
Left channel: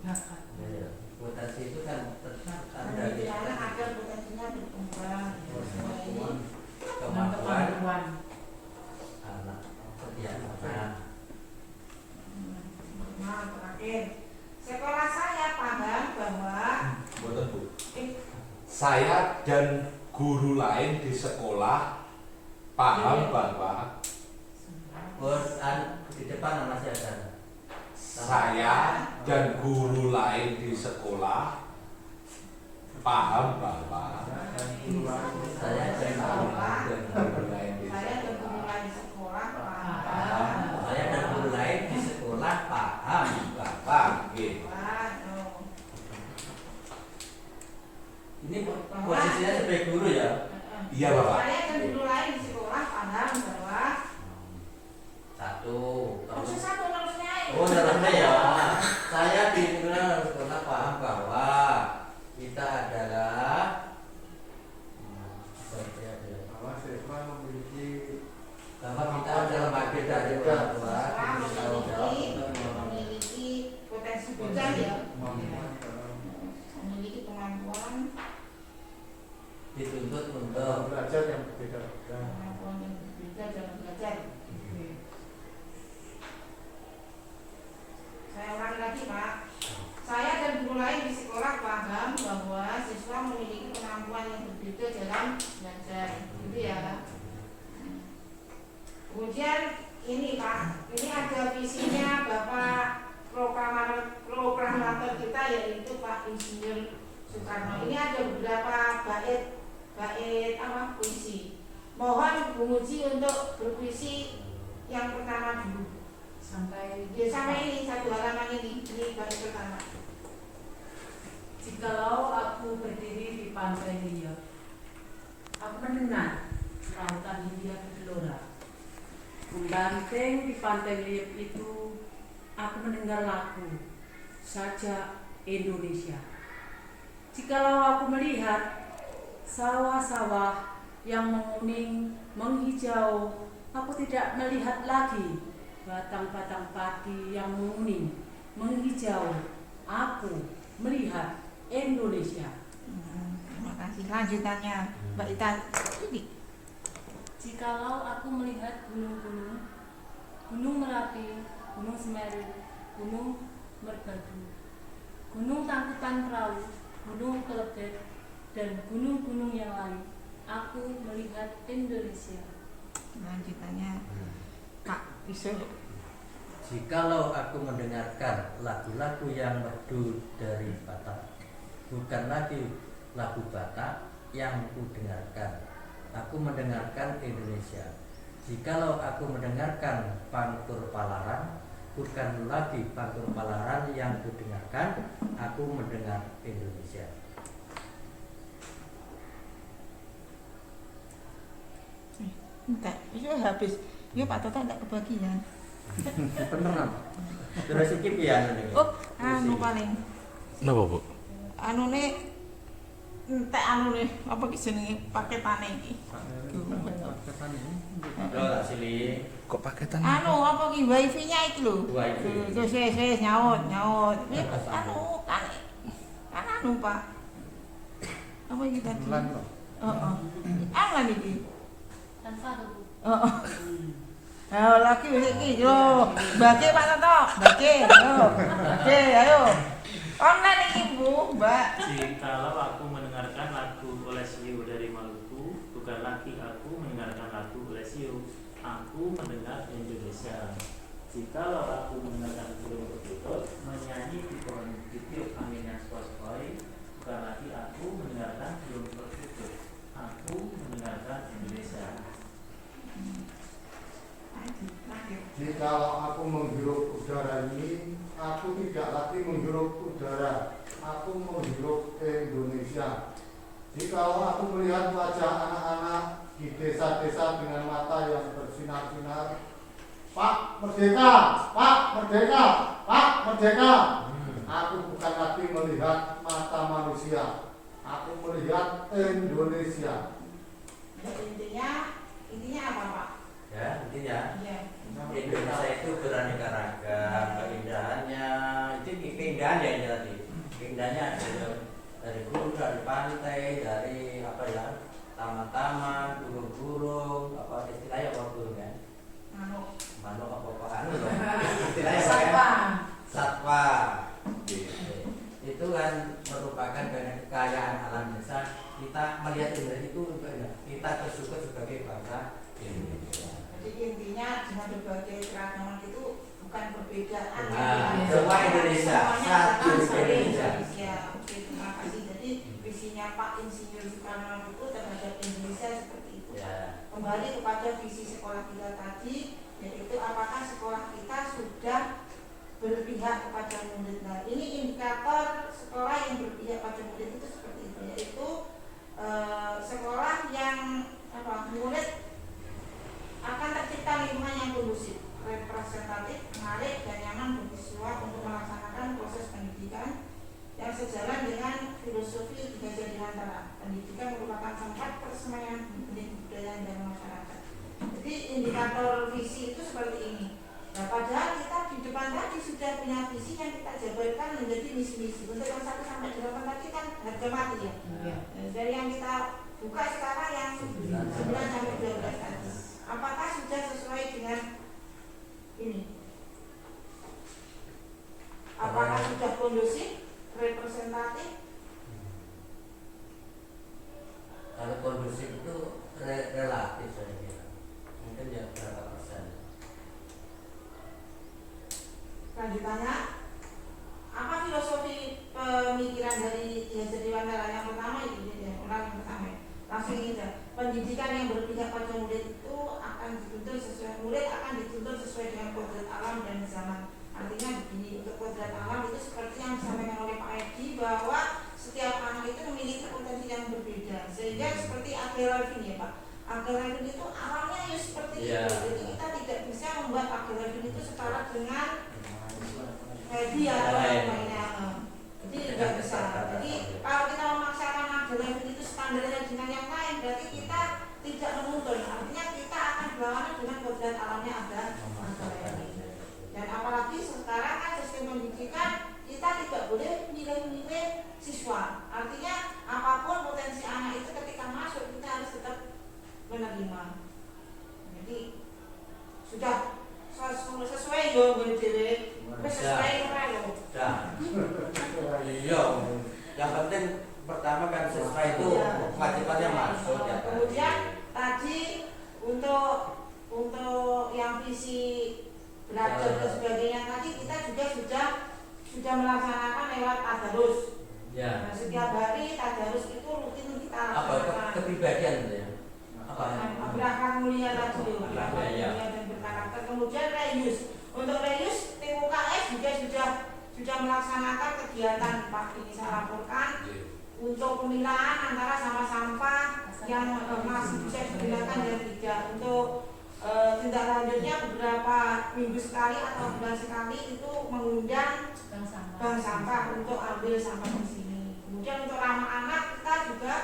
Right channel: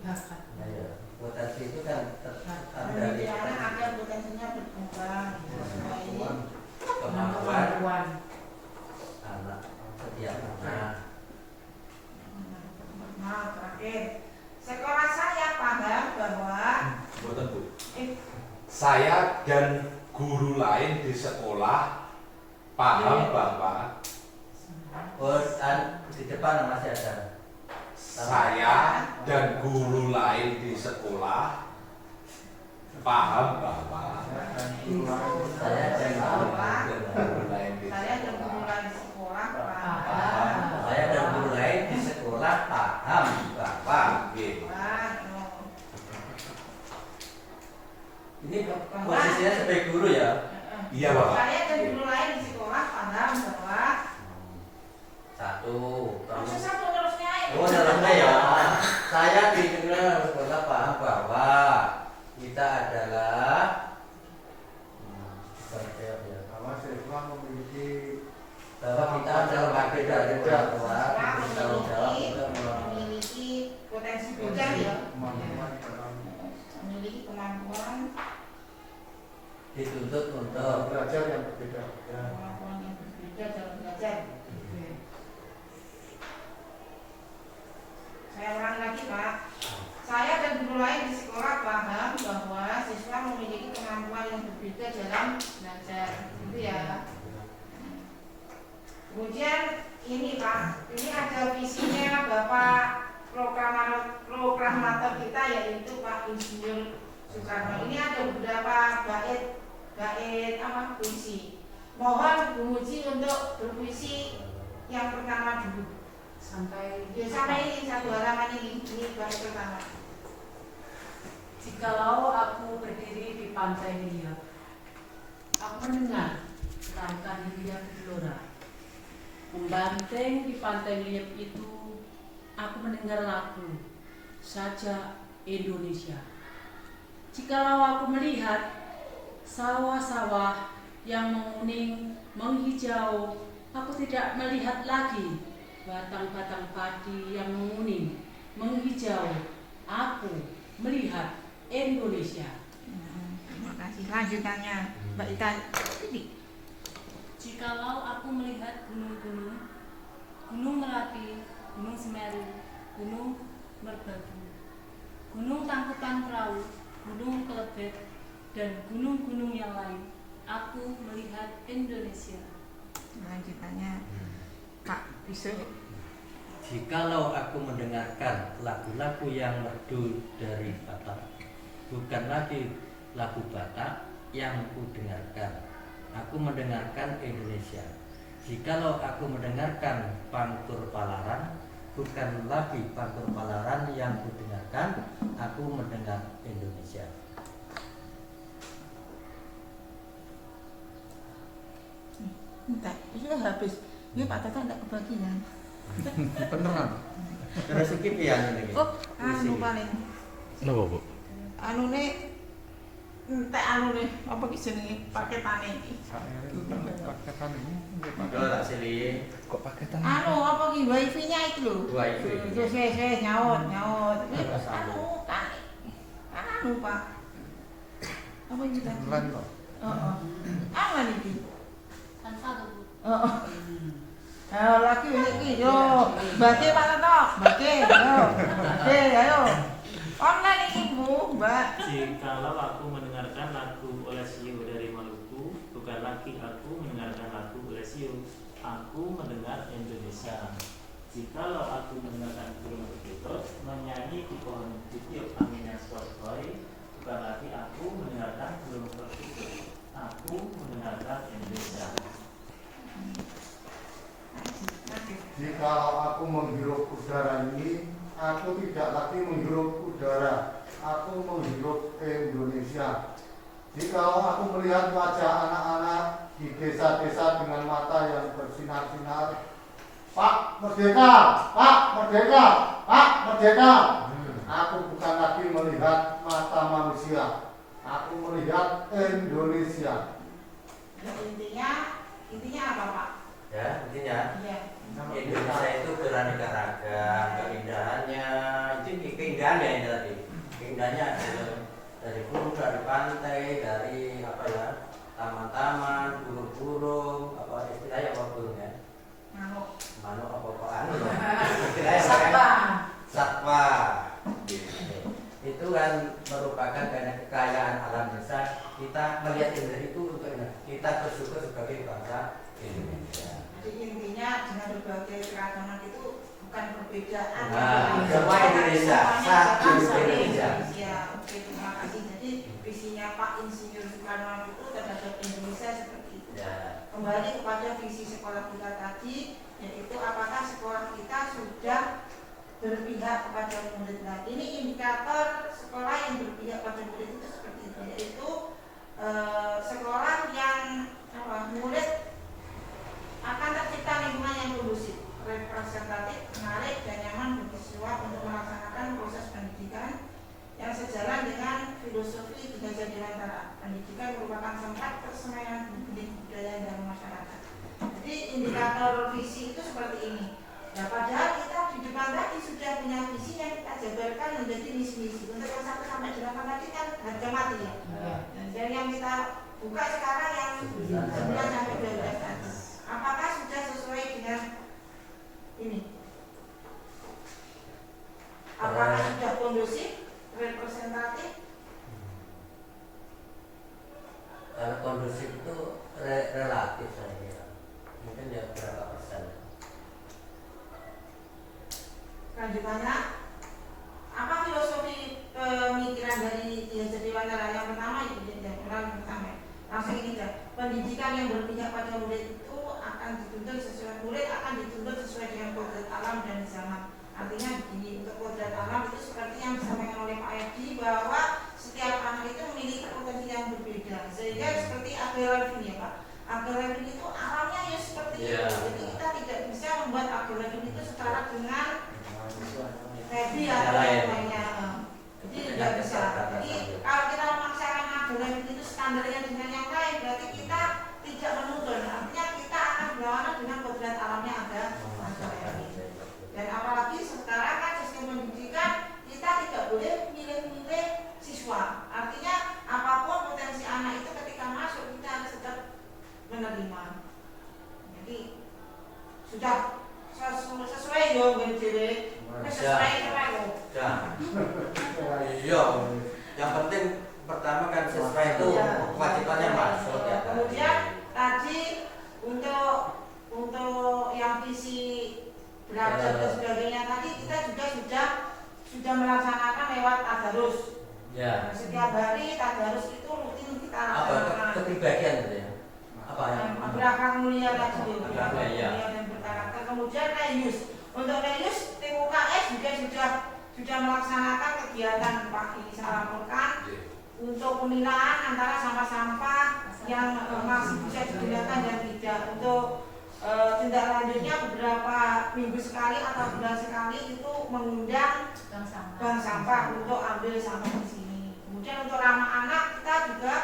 Nah, ya, potensi itu kan tetap dari mendidik anak agar potensinya berkembang. Semua ini kemampuan anak setiap anak. Nah, terakhir, sekolah saya paham bahwa Betul, Bu. Saya dan guru lain di sekolah paham bahwa Di depan masih ada. saya dan guru lain di sekolah paham bahwa Saya dan guru lain di saya dan sekolah guru lain sekolah paham saya dan guru lain di sekolah paham bahwa Gitu. Ini posisinya sebagai guru ya. Iya Bapak. Saya dan guru lain di sekolah paham bahwa Satu. proses satu terusnya Oh dalamnya ya. Saya di sekolah paham bahwa kita adalah seperti apa ya? Bahwa siswa memiliki Bahwa kita adalah wakil dari orang tua, kita tanggung jawab untuk memiliki potensi belajar ya, kemampuan dalam memiliki kemampuan dituntut untuk belajar yang berbeda-beda. kemampuan yang berbeda dalam belajar. Saya ulangi lagi Pak. Saya dan guru lain di sekolah paham bahwa siswa memiliki kemampuan yang berbeda dalam belajar, gitu ya. Kemudian ini Pak, ini ada visinya Bapak proklamator kita yaitu Pak Insinyur Soekarno. Ini ada beberapa bait apa puisi. Mohon Bu Muji untuk berpuisi yang pertama dulu. Sampai Sampai ini satu halaman ini bait pertama. Jikalau aku berdiri di pantai liat, aku mendengar lautan Hindia bergelora. Membanting di pantai liat itu, aku mendengar lagu Sajak Indonesia. Jikalau aku melihat sawah-sawah yang menguning, menghijau, aku tidak melihat lagi batang-batang padi yang menguning, menghijau. Aku melihat Indonesia. Terima kasih. Lanjutannya Mbak Ita. Jikalau aku melihat gunung-gunung, Gunung Merapi, Gunung Semeru, Gunung Merbabu, Gunung Tangkutan Perahu, Gunung Kelebet, dan gunung-gunung yang lain, aku melihat Indonesia. Lanjutannya Kak bisa. jikalau aku mendengarkan lagu-lagu yang merdu dari Batak, bukan lagi lagu Batak yang ku dengarkan, aku mendengarkan Indonesia. Jikalau aku mendengarkan Pantur Palaran, bukan lagi Pantur Palaran yang ku dengarkan, aku mendengar Indonesia. Enggak, ini habis. Ini Pak Toto enggak kebagian. Tenang. Kira sikit ya ini. Oh, anu paling. Napa Bu? Anune entek anune apa ki jenenge paketane iki. Yo tak sili. Kok paketan? Anu apa ki wifi-nya iki lho. Wifi. Wis nyaut. Ini Tersambung. anu Pak. Apa iki tadi? Lan kok. Heeh. Apa iki? Tanpa tuh Bu. Heeh. Ayo lagi iki yo. Baca Pak Toto. Baca yo. Baca ayo. Online iki Bu, Mbak. Jikalau aku mendengarkan lagu Olesio dari Maluku, bukan lagi aku mendengarkan lagu Olesio, aku mendengar Indonesia. Jikalau aku mendengarkan burung berkutut menyanyi di pohon bukit angin yang sepoi, bukan lagi aku mendengarkan burung berkutut, aku mendengarkan Indonesia. Jikalau aku menghirup udara ini, aku tidak lagi menghirup udara, aku menghirup Indonesia. Jikalau aku melihat wajah anak-anak di desa-desa dengan mata yang bersinar-sinar, Pak Merdeka, Pak Merdeka, Pak Merdeka. Aku bukan lagi melihat mata manusia, aku melihat Indonesia. Intinya apa Pak? Ya, intinya Iya. Indonesia itu beraneka ragam, keindahannya itu keindahan ya ini tadi. Keindahannya dari gunung, dari pantai, dari apa ya, taman-taman, burung-burung, apa istilahnya apa burung ya? Manuk. Manuk apa-apaan loh. Istilahnya apa kan? Satwa. Satwa. Itu kan merupakan kekayaan alam desa. Kita melihat Indonesia itu untuk kita bersyukur sebagai bangsa Indonesia. Jadi intinya dengan berbagai keragaman itu bukan perbedaan. Nah, Tapi semua Indonesia, semuanya satu bangsa Indonesia. Oke, terima kasih. Jadi visinya Pak Insinyur Soekarno itu terhadap Indonesia seperti itu. Ya. Kembali kepada visi sekolah kita tadi, yaitu apakah sekolah kita sudah berpihak kepada murid. Nah, ini indikator sekolah yang berpihak pada murid itu seperti itu. yaitu sekolah yang murid akan tercipta lingkungan yang kondusif, representatif, menarik dan nyaman bagi siswa untuk melaksanakan proses pendidikan yang sejalan dengan filosofi 3 Dewantara. Pendidikan merupakan tempat persemaian budaya dan masyarakat. Jadi indikator visi itu seperti ini. Nah, padahal kita di depan tadi sudah punya visi yang kita jabarkan menjadi misi-misi. Untuk yang 1 sampai 8 tadi kan harga mati ya. Nah, dan yang kita buka sekarang yang 9 sampai 12 tadi. Apakah sudah sesuai dengan ini? Apakah sudah kondusif, representatif? Kalau kondusif itu relatif saya kira. Mungkin ya berapa persen. Lanjutannya, apa filosofi pemikiran dari 3 Dewantara? Yang pertama itu langsung ini aja. Pendidikan yang berpihak pada murid itu akan dituntut sesuai dengan kodrat alam dan zaman. Artinya begini, untuk kodrat alam itu seperti yang disampaikan oleh Pak Edi bahwa setiap anak itu memiliki potensi yang berbeda. Sehingga seperti Abel Levin ya Pak. Abel Levin itu alamnya ya seperti itu. Jadi kita tidak bisa membuat Abel Levin itu setara dengan Edi atau yang lainnya. Jadi tidak bisa. Jadi kalau kita memaksakan Abel Levin itu standarnya dengan yang lain, berarti kita tidak menuntun. Artinya kita akan berlawanan dengan kodrat alamnya ada. Dan apalagi sekarang kan sistem pendidikan kita tidak boleh milih-milih siswa. Artinya apapun potensi anak itu ketika masuk kita harus tetap menerima. Jadi sudah sesuai yo BDW. Sesuai yo. Iya. Yang penting pertama kan sesuai itu kewajibannya masuk ya. Kemudian tadi untuk yang visi belajar dan sebagainya tadi kita juga sudah melaksanakan lewat tadarus. Ya. Setiap hari tadarus itu rutin kita laksanakan. Kepribadian gitu ya. Apa yang berakhlak mulia tadi. Mulia dan berkarakter. Kemudian Reus. Untuk Reus tim UKS juga sudah melaksanakan kegiatan pagi saya laporkan untuk pemilahan antara sampah-sampah yang masih bisa digunakan dan tidak. Untuk tindak lanjutnya beberapa minggu sekali atau bulan sekali itu mengundang bank sampah untuk ambil sampah di sini. Kemudian untuk anak-anak kita juga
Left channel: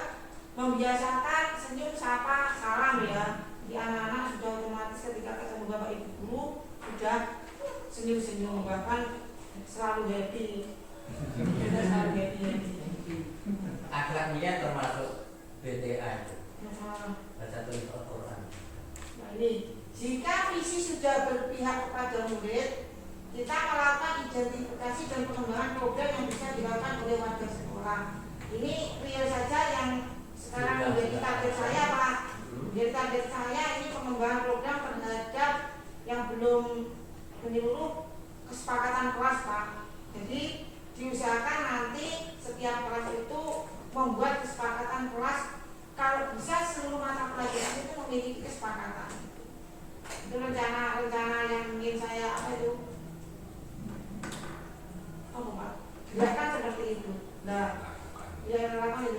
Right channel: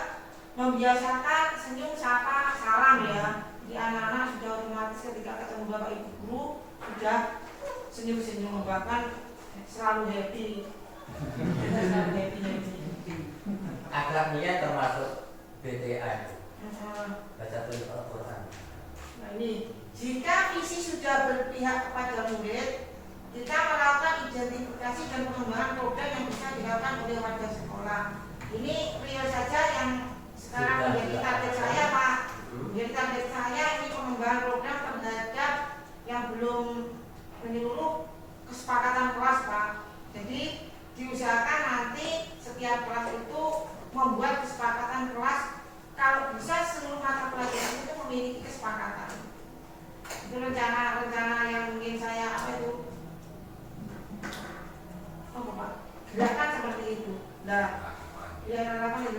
membiasakan senyum, sapa, salam ya. Di anak-anak sudah otomatis ketika ketemu bapak ibu guru sudah senyum-senyum, bahkan selalu happy. akhlak mulia termasuk BTA itu. Baca tulis Al-Quran. Nah ini, jika visi sudah berpihak kepada murid, kita melakukan identifikasi dan pengembangan program yang bisa dilakukan oleh warga sekolah. Ini real saja yang sekarang menjadi target saya Pak. Menjadi target saya ini pengembangan program terhadap yang belum menyeluruh kesepakatan kelas Pak. Jadi diusahakan nanti setiap kelas itu membuat kesepakatan kelas, kalau bisa seluruh mata pelajaran itu memiliki kesepakatan. Itu rencana yang mungkin saya gerakan seperti itu. Nah,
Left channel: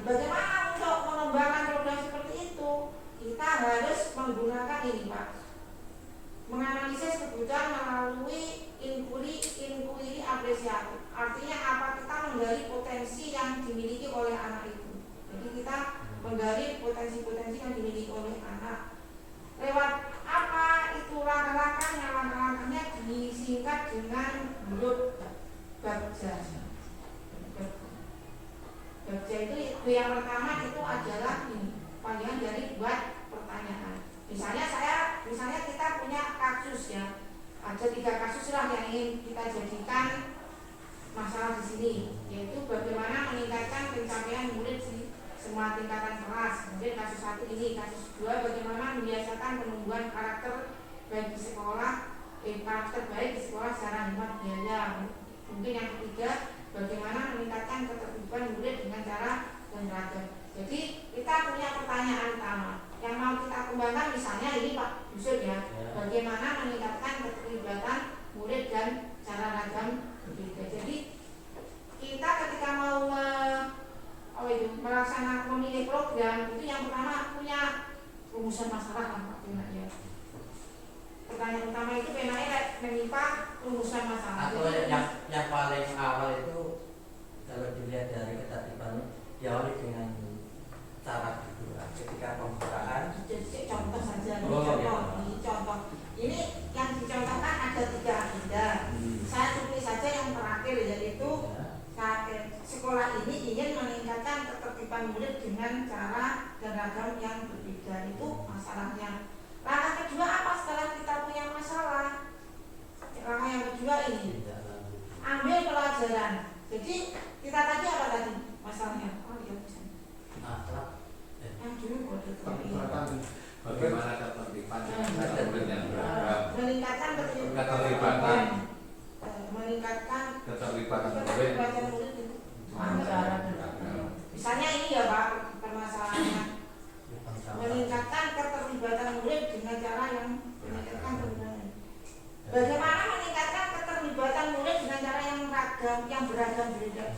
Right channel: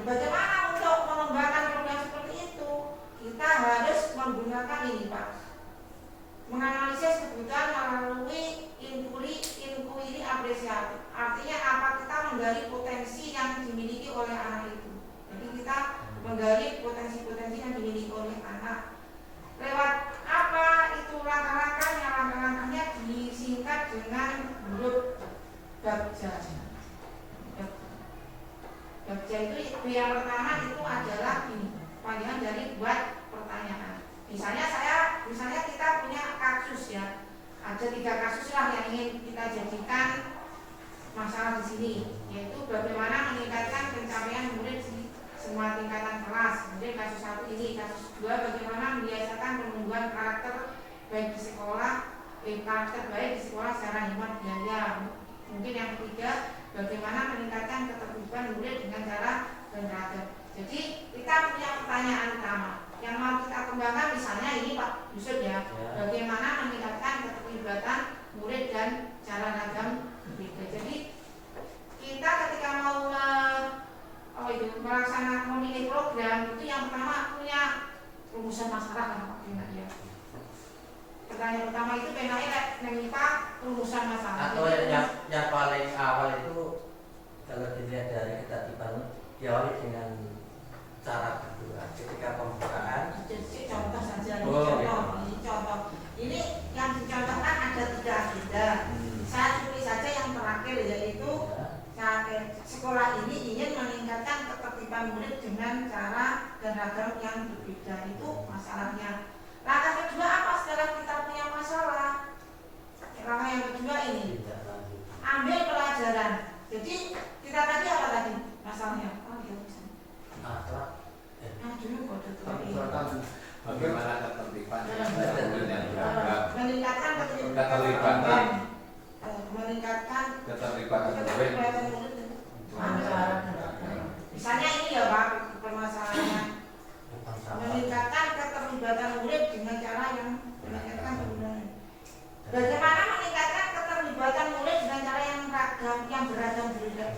bagaimana untuk mengembangkan program seperti itu? Kita harus menggunakan ini Pak, menganalisis kebutuhan melalui inquiry apresiatif. Artinya apa? Kita menggali potensi yang dimiliki oleh anak itu. Jadi kita menggali potensi-potensi yang dimiliki oleh anak. Lewat apa itu langkah-langkahnya? Langkah-langkahnya disingkat dengan huruf Bagja. Bagja itu yang pertama itu adalah ini, panggilan dari buat pertanyaan. Misalnya kita punya kasus ya, ada 3 kasus lah yang ingin kita jadikan masalah di sini, yaitu bagaimana meningkatkan pencapaian murid di semua tingkatan kelas. Kemudian kasus 1 ini, kasus 2 bagaimana membiasakan penumbuhan karakter baik di sekolah, karakter baik di sekolah secara hemat biaya. Mungkin yang ketiga, bagaimana meningkatkan ketertiban murid dengan cara beragam. Jadi kita punya pertanyaan utama yang mau kita kembangkan, misalnya ini Pak Yusuf ya, bagaimana meningkatkan keterlibatan murid dan cara ragam berbeda. Jadi kita ketika mau melaksanakan rencana memilih program itu yang pertama punya rumusan masalah kan Pak Pena ya. Pertanyaan pertama itu Pena meminta rumusan masalah. Atau yang paling awal itu kalau dilihat dari ketertiban diawali dengan cara berdoa ketika pembukaan. Jadi contoh saja, Oh, contoh. Ini yang dicontohkan ada 3 agenda. Saya pilih saja yang terakhir yaitu sekolah ini ingin meningkatkan ketertiban murid dengan cara dan ragam yang berbeda. Itu masalahnya. Langkah kedua apa setelah kita punya masalah? Langkah yang kedua ini ambil pelajaran. Jadi kita tadi apa tadi masalahnya? Akhlak. Dulu kode Bagaimana ketertiban murid yang beragam, meningkatkan keterlibatan keterlibatan murid. Misalnya ini ya Pak permasalahan meningkatkan keterlibatan murid dengan cara yang meningkatkan kemudian. Bagaimana meningkatkan keterlibatan murid dengan cara yang ragam, yang beragam berbeda?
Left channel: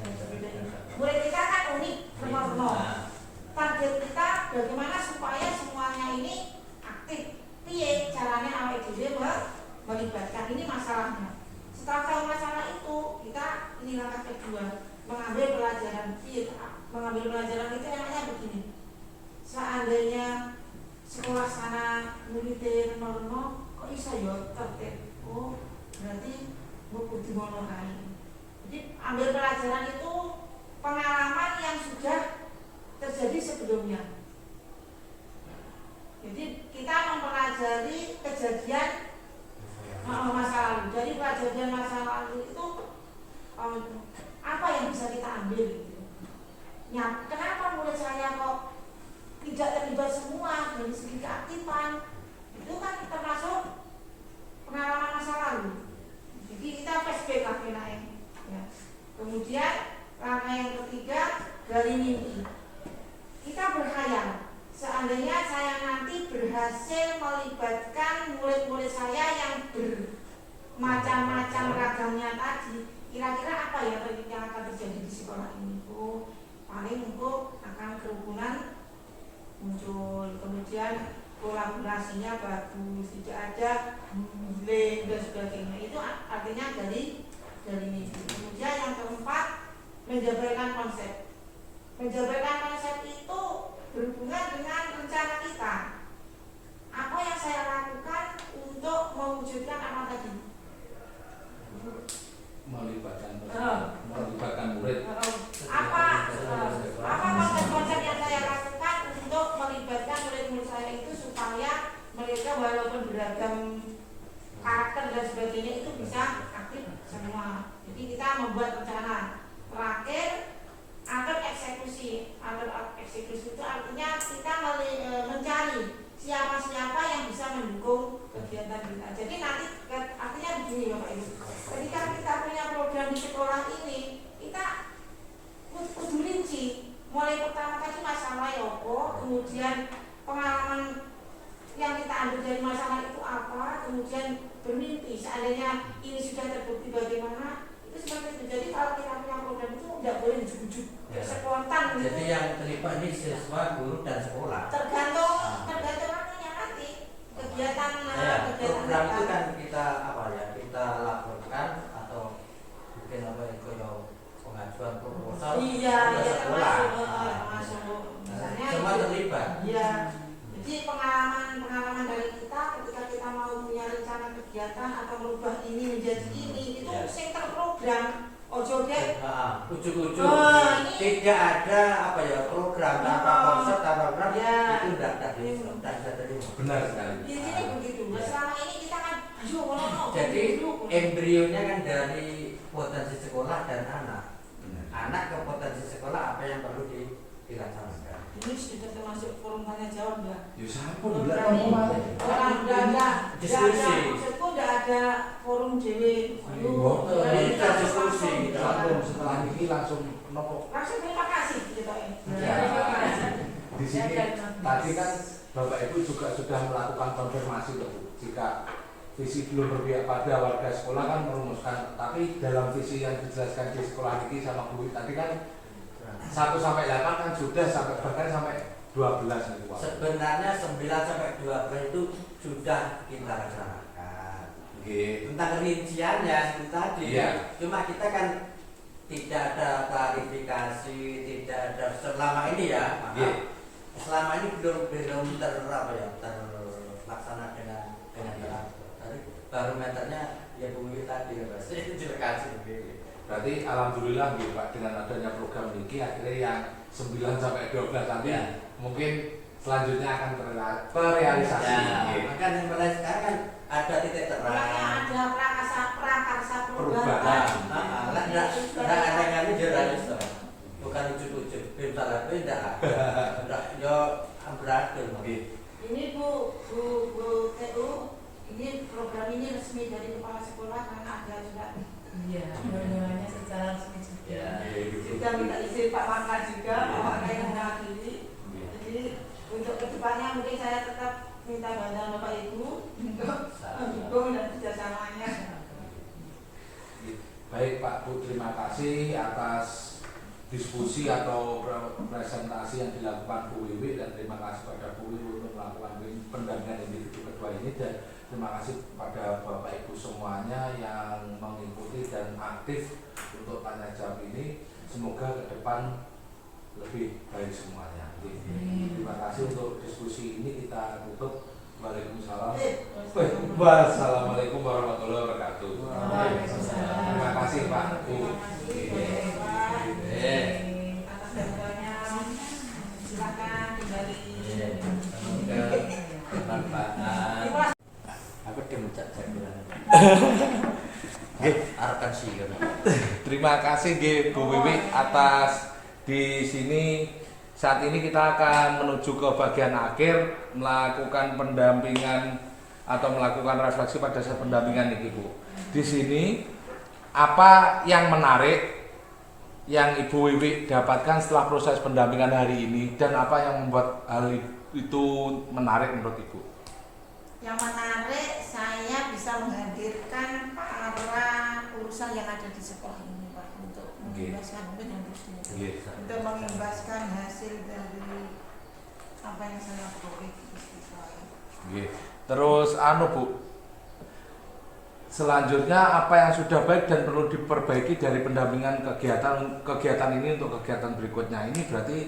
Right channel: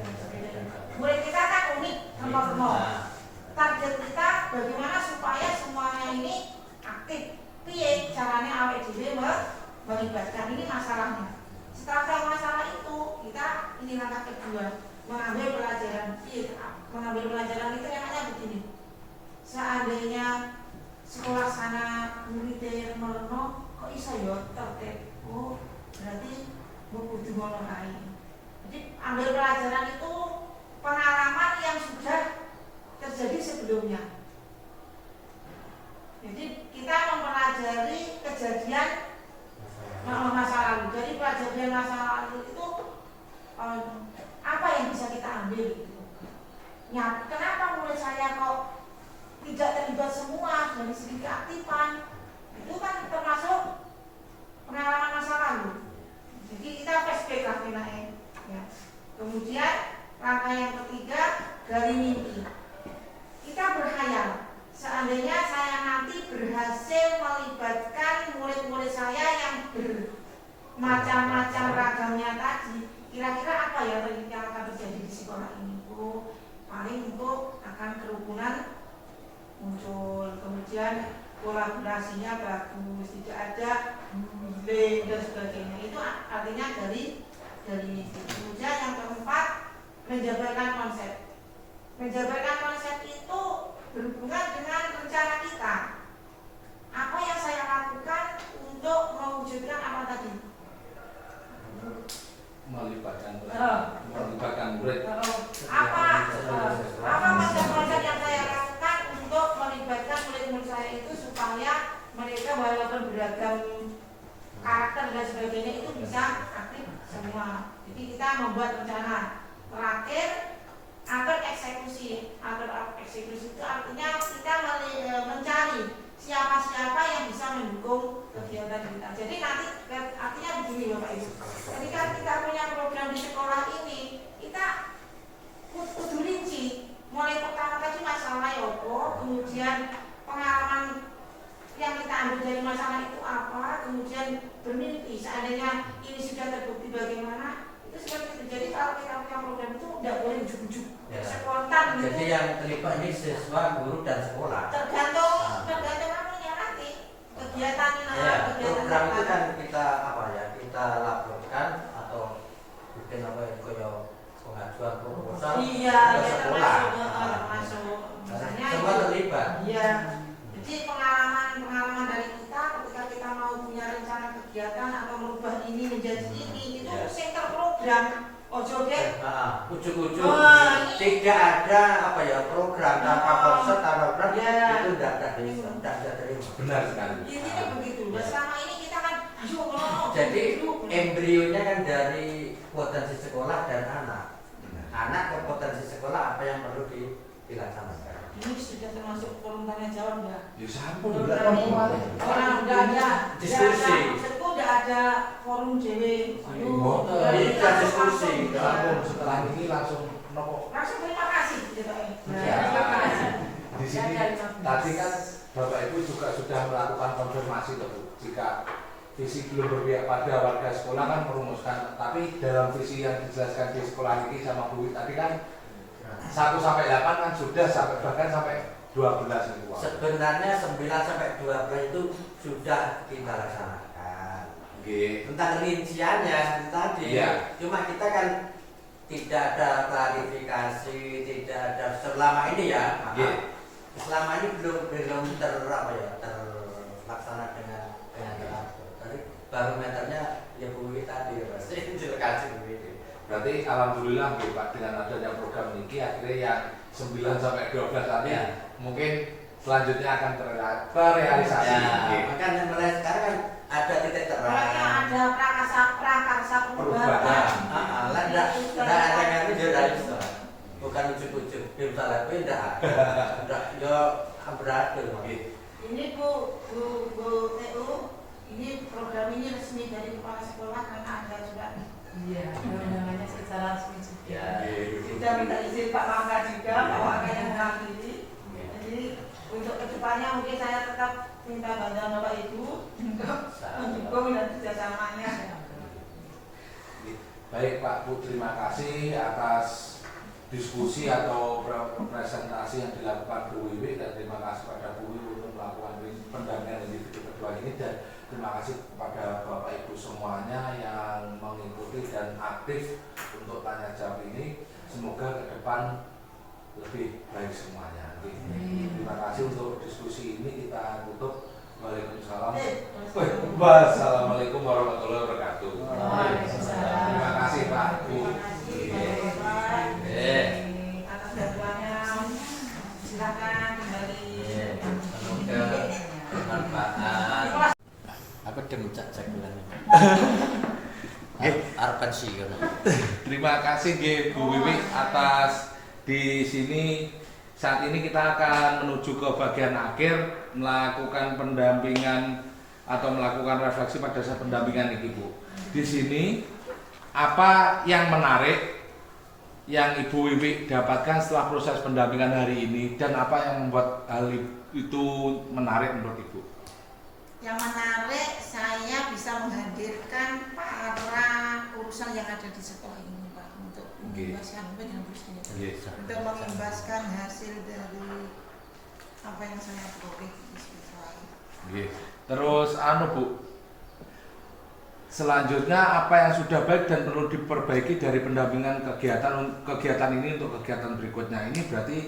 Murid kita kan unik, nomor. Target kita bagaimana supaya semuanya ini aktif. Piye caranya awake dhewe melibatkan, ini masalahnya. Setelah tahu masalah itu, kita ini langkah kedua, mengambil pelajaran. Mengambil pelajaran itu enaknya begini. Seandainya sekolah sana muridnya meleno, kok iso ya tertib. Oh, berarti kudu ngono ae. Jadi ambil pelajaran itu pengalaman yang sudah terjadi sebelumnya. Jadi kita mempelajari kejadian masa lalu. Jadi kejadian masa lalu itu apa yang bisa kita ambil gitu. Ya, kenapa murid saya kok tidak terlibat semua dari segi keaktifan? Itu kan termasuk pengalaman masa lalu. Jadi kita flashback lah ya. Kemudian langkah yang ketiga dari mimpi. Kita berkhayal, seandainya saya nanti berhasil melibatkan murid-murid saya yang bermacam-macam ragamnya tadi, kira-kira apa ya yang akan terjadi di sekolah ini? Oh, paling untuk akan kerukunan muncul, kemudian kolaborasinya bagus, tidak ada bullying dan sebagainya. Itu artinya dari mimpi. Kemudian yang keempat, menjabarkan konsep. Menjabarkan konsep itu berhubungan dengan rencana kita. Apa yang saya lakukan untuk mewujudkan apa tadi? Melibatkan murid. Apa konsep-konsep yang saya lakukan untuk melibatkan murid-murid saya itu supaya mereka walaupun beragam karakter dan sebagainya itu bisa aktif semua. Jadi kita membuat rencana. Terakhir, atur eksekusi itu artinya kita mencari siapa-siapa yang bisa mendukung kegiatan kita. Jadi nanti artinya begini Bapak Ibu, ketika kita punya program di sekolah ini, kita kudu rinci. Mulai pertama tadi masalah yopo, kemudian pengalaman yang kita ambil dari masalah itu apa, kemudian bermimpi seandainya ini sudah terbukti bagaimana. Jadi kalau kita punya program itu tidak boleh ujuk-ujuk spontan gitu. Jadi yang terlibat ini siswa, guru dan sekolah. Tergantung namanya nanti kegiatan program itu kan kita kita laporkan atau bikin pengajuan proposal ke sekolah. Masuk. Misalnya semua terlibat. Iya. Jadi pengalaman dari kita ketika kita mau punya rencana kegiatan atau merubah ini menjadi ini itu sing terprogram. Ojo deh. Ujuk-ujuk. Tidak ada program tanpa konsep tanpa program itu tidak bisa terima. Benar sekali. Intinya begitu. Selama ini kita kan jadi embrionya kan dari potensi sekolah dan anak. Anak ke potensi sekolah apa yang perlu dilaksanakan. Ini sudah termasuk forum tanya jawab enggak? Ya siapa Orang udah ada diskusi. Maksudku udah ada forum JW. Kita diskusi. Setelah ini langsung Langsung terima kasih gitu Di sini tadi kan Bapak Ibu juga sudah melakukan konfirmasi jika visi belum berpihak pada warga sekolah kan merumuskan, tapi dalam visi yang dijelaskan di sekolah ini sama Bu tadi kan 1 sampai 8 kan sudah sampai bahkan sampai 12 itu Pak. Sebenarnya 9 sampai 12 itu sudah kita laksanakan. Nggih. Tentang rinciannya seperti tadi. Iya. Cuma kita kan tidak ada klarifikasi, tidak ada selama ini ya. Nggih. Selama ini belum terlaksana dengan teratur. Tadi barometernya ya Bu Wiwi tadi ya Mas. Kasih begini. Berarti alhamdulillah nggih Pak, dengan adanya program ini akhirnya yang 9 sampai 12 tadi Ya. mungkin selanjutnya akan terrealisasi. Ya, Nggih. makanya mulai sekarang kan ada titik terang. Pokoknya ada prakarsa Perubahan. Enggak ada yang jelas toh. Bukan ujuk-ujuk. Bim salah itu enggak ada. Enggak yo berhasil. Ini Bu TU, ini program ini resmi dari kepala sekolah karena ada surat. Iya, undangannya secara resmi juga. Juga minta izin Pak Mangga juga, Pak Mangga yang mewakili. Jadi untuk kedepannya mungkin saya tetap minta bantuan Bapak Ibu untuk mendukung dan kerjasamanya. Baik Pak Bu, terima kasih atas diskusi atau presentasi yang dilakukan Bu Wiwi, dan terima kasih pada Bu Wiwi untuk melakukan pendampingan individu kedua ini, dan terima kasih kepada Bapak Ibu semuanya yang mengikuti dan aktif untuk tanya jawab ini. Semoga ke depan lebih baik semuanya. Terima kasih untuk diskusi ini, kita tutup. Waalaikumsalam. Wassalamualaikum warahmatullahi wabarakatuh. Terima kasih Pak Bu. Atas bantuannya, silakan kembali. Semoga bermanfaat. Aku demcak saya. Harapan sih. Terima kasih nggih Bu Wiwi atas di sini. Saat ini kita akan menuju ke bagian akhir melakukan pendampingan atau melakukan refleksi pada saat pendampingan ini Bu. Di sini apa yang menarik yang Ibu Wiwi dapatkan setelah proses pendampingan hari ini, dan apa yang membuat hal itu menarik menurut Ibu? Yang menarik, saya bisa menghadirkan para urusan yang ada di sekolah ini Pak, untuk mengimbaskan untuk mengimbaskan hasil dari apa yang saya peroleh di siswa ini. Terus Bu, selanjutnya apa yang sudah baik dan perlu diperbaiki dari pendampingan kegiatan ini untuk kegiatan berikutnya ini? Berarti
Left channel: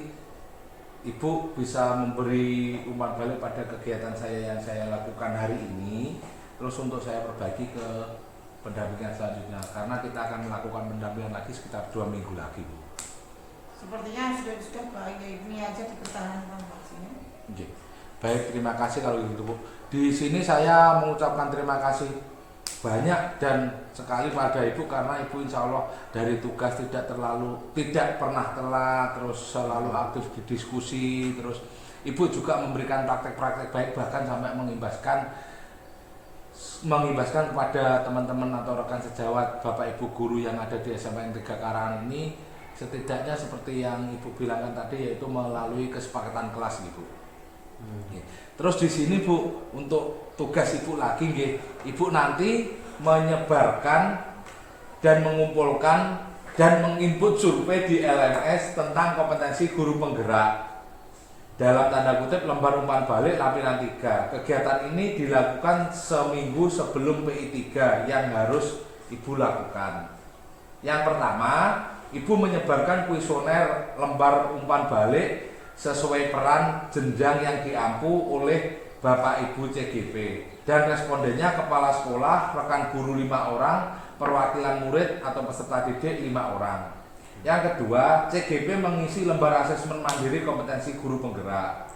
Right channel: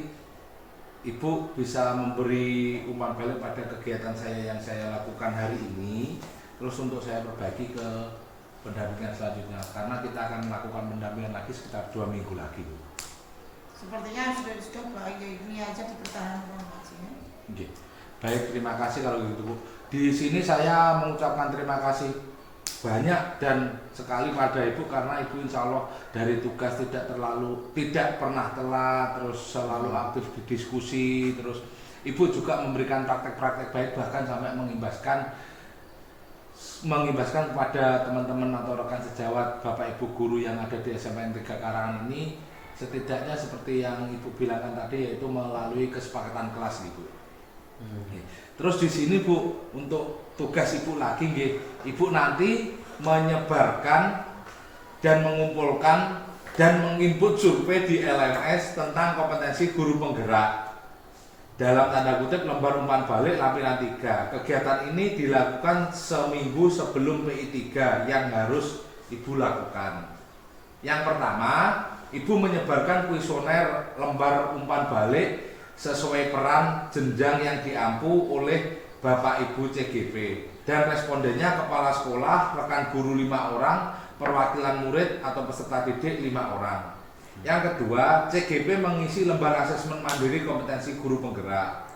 Ibu bisa memberi umpan balik pada kegiatan saya yang saya lakukan hari ini, terus untuk saya perbaiki ke pendampingan selanjutnya, karena kita akan melakukan pendampingan lagi sekitar 2 minggu lagi Bu. Sepertinya sudah baik, ya ini aja dipertahankan maksudnya. Baik, terima kasih kalau gitu Bu. Di sini saya mengucapkan terima kasih banyak dan sekali pada Ibu, karena Ibu insya Allah dari tugas tidak pernah telat, terus selalu aktif di diskusi, terus Ibu juga memberikan praktek-praktek baik, bahkan sampai mengimbaskan kepada teman-teman atau rekan sejawat Bapak Ibu guru yang ada di SMPN 3 Karangan ini, setidaknya seperti yang Ibu bilangkan tadi, yaitu melalui kesepakatan kelas Ibu. Terus di sini Bu, untuk tugas Ibu lagi nggih, Ibu nanti menyebarkan dan mengumpulkan dan menginput survei di LMS tentang kompetensi guru penggerak, dalam tanda kutip lembar umpan balik lampiran 3. Kegiatan ini dilakukan seminggu sebelum PI 3 yang harus Ibu lakukan. Yang pertama, Ibu menyebarkan kuesioner lembar umpan balik sesuai peran jenjang yang diampu oleh Bapak Ibu CGP, dan respondennya kepala sekolah, rekan guru 5 orang, perwakilan murid atau peserta didik 5 orang. Yang kedua, CGP mengisi lembar asesmen mandiri kompetensi guru penggerak.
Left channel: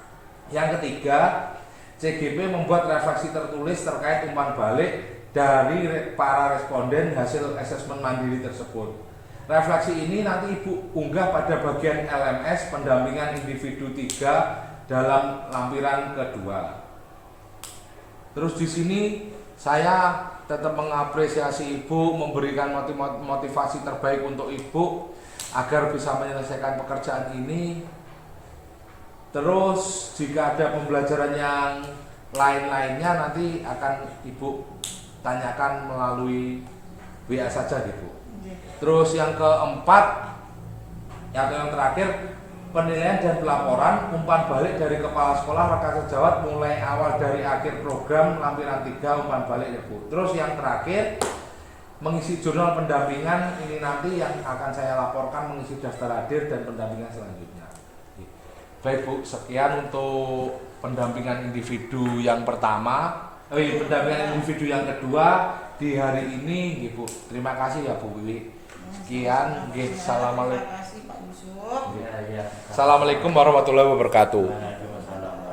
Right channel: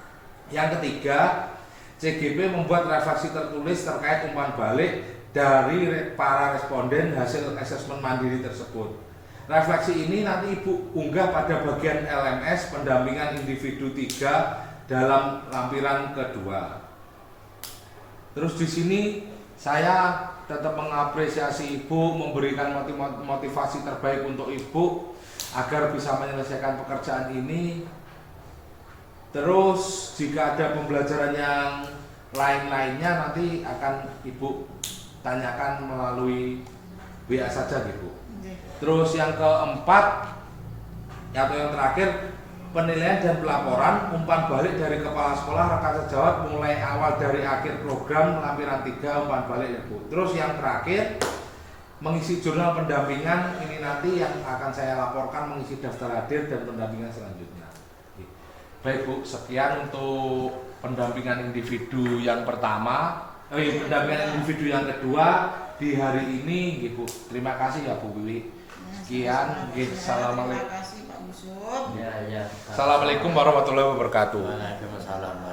Yang ketiga, CGP membuat refleksi tertulis terkait umpan balik dari para responden hasil asesmen mandiri tersebut. Refleksi ini nanti Ibu unggah pada bagian LMS pendampingan individu 3 dalam lampiran kedua. Terus di sini saya tetap mengapresiasi Ibu, memberikan motivasi terbaik untuk Ibu agar bisa menyelesaikan pekerjaan ini. Terus jika ada pembelajaran yang lain-lainnya nanti akan Ibu tanyakan melalui WA saja Ibu. Terus yang keempat, Atau yang terakhir, penilaian dan pelaporan umpan balik dari kepala sekolah rekan sejawat mulai awal dari akhir program lampiran 3 umpan balik ya Bu. Terus yang terakhir, mengisi jurnal pendampingan ini nanti yang akan saya laporkan, mengisi daftar hadir dan pendampingan selanjutnya. Baik Bu, sekian untuk pendampingan individu yang pertama, pendampingan individu yang kedua di hari ini, Bu. Terima kasih ya Bu Wiwi. Sekian, assalamualaikum. Terima kasih Pak Yusuf. Ya, ya. Assalamualaikum warahmatullahi wabarakatuh. Waalaikumsalam.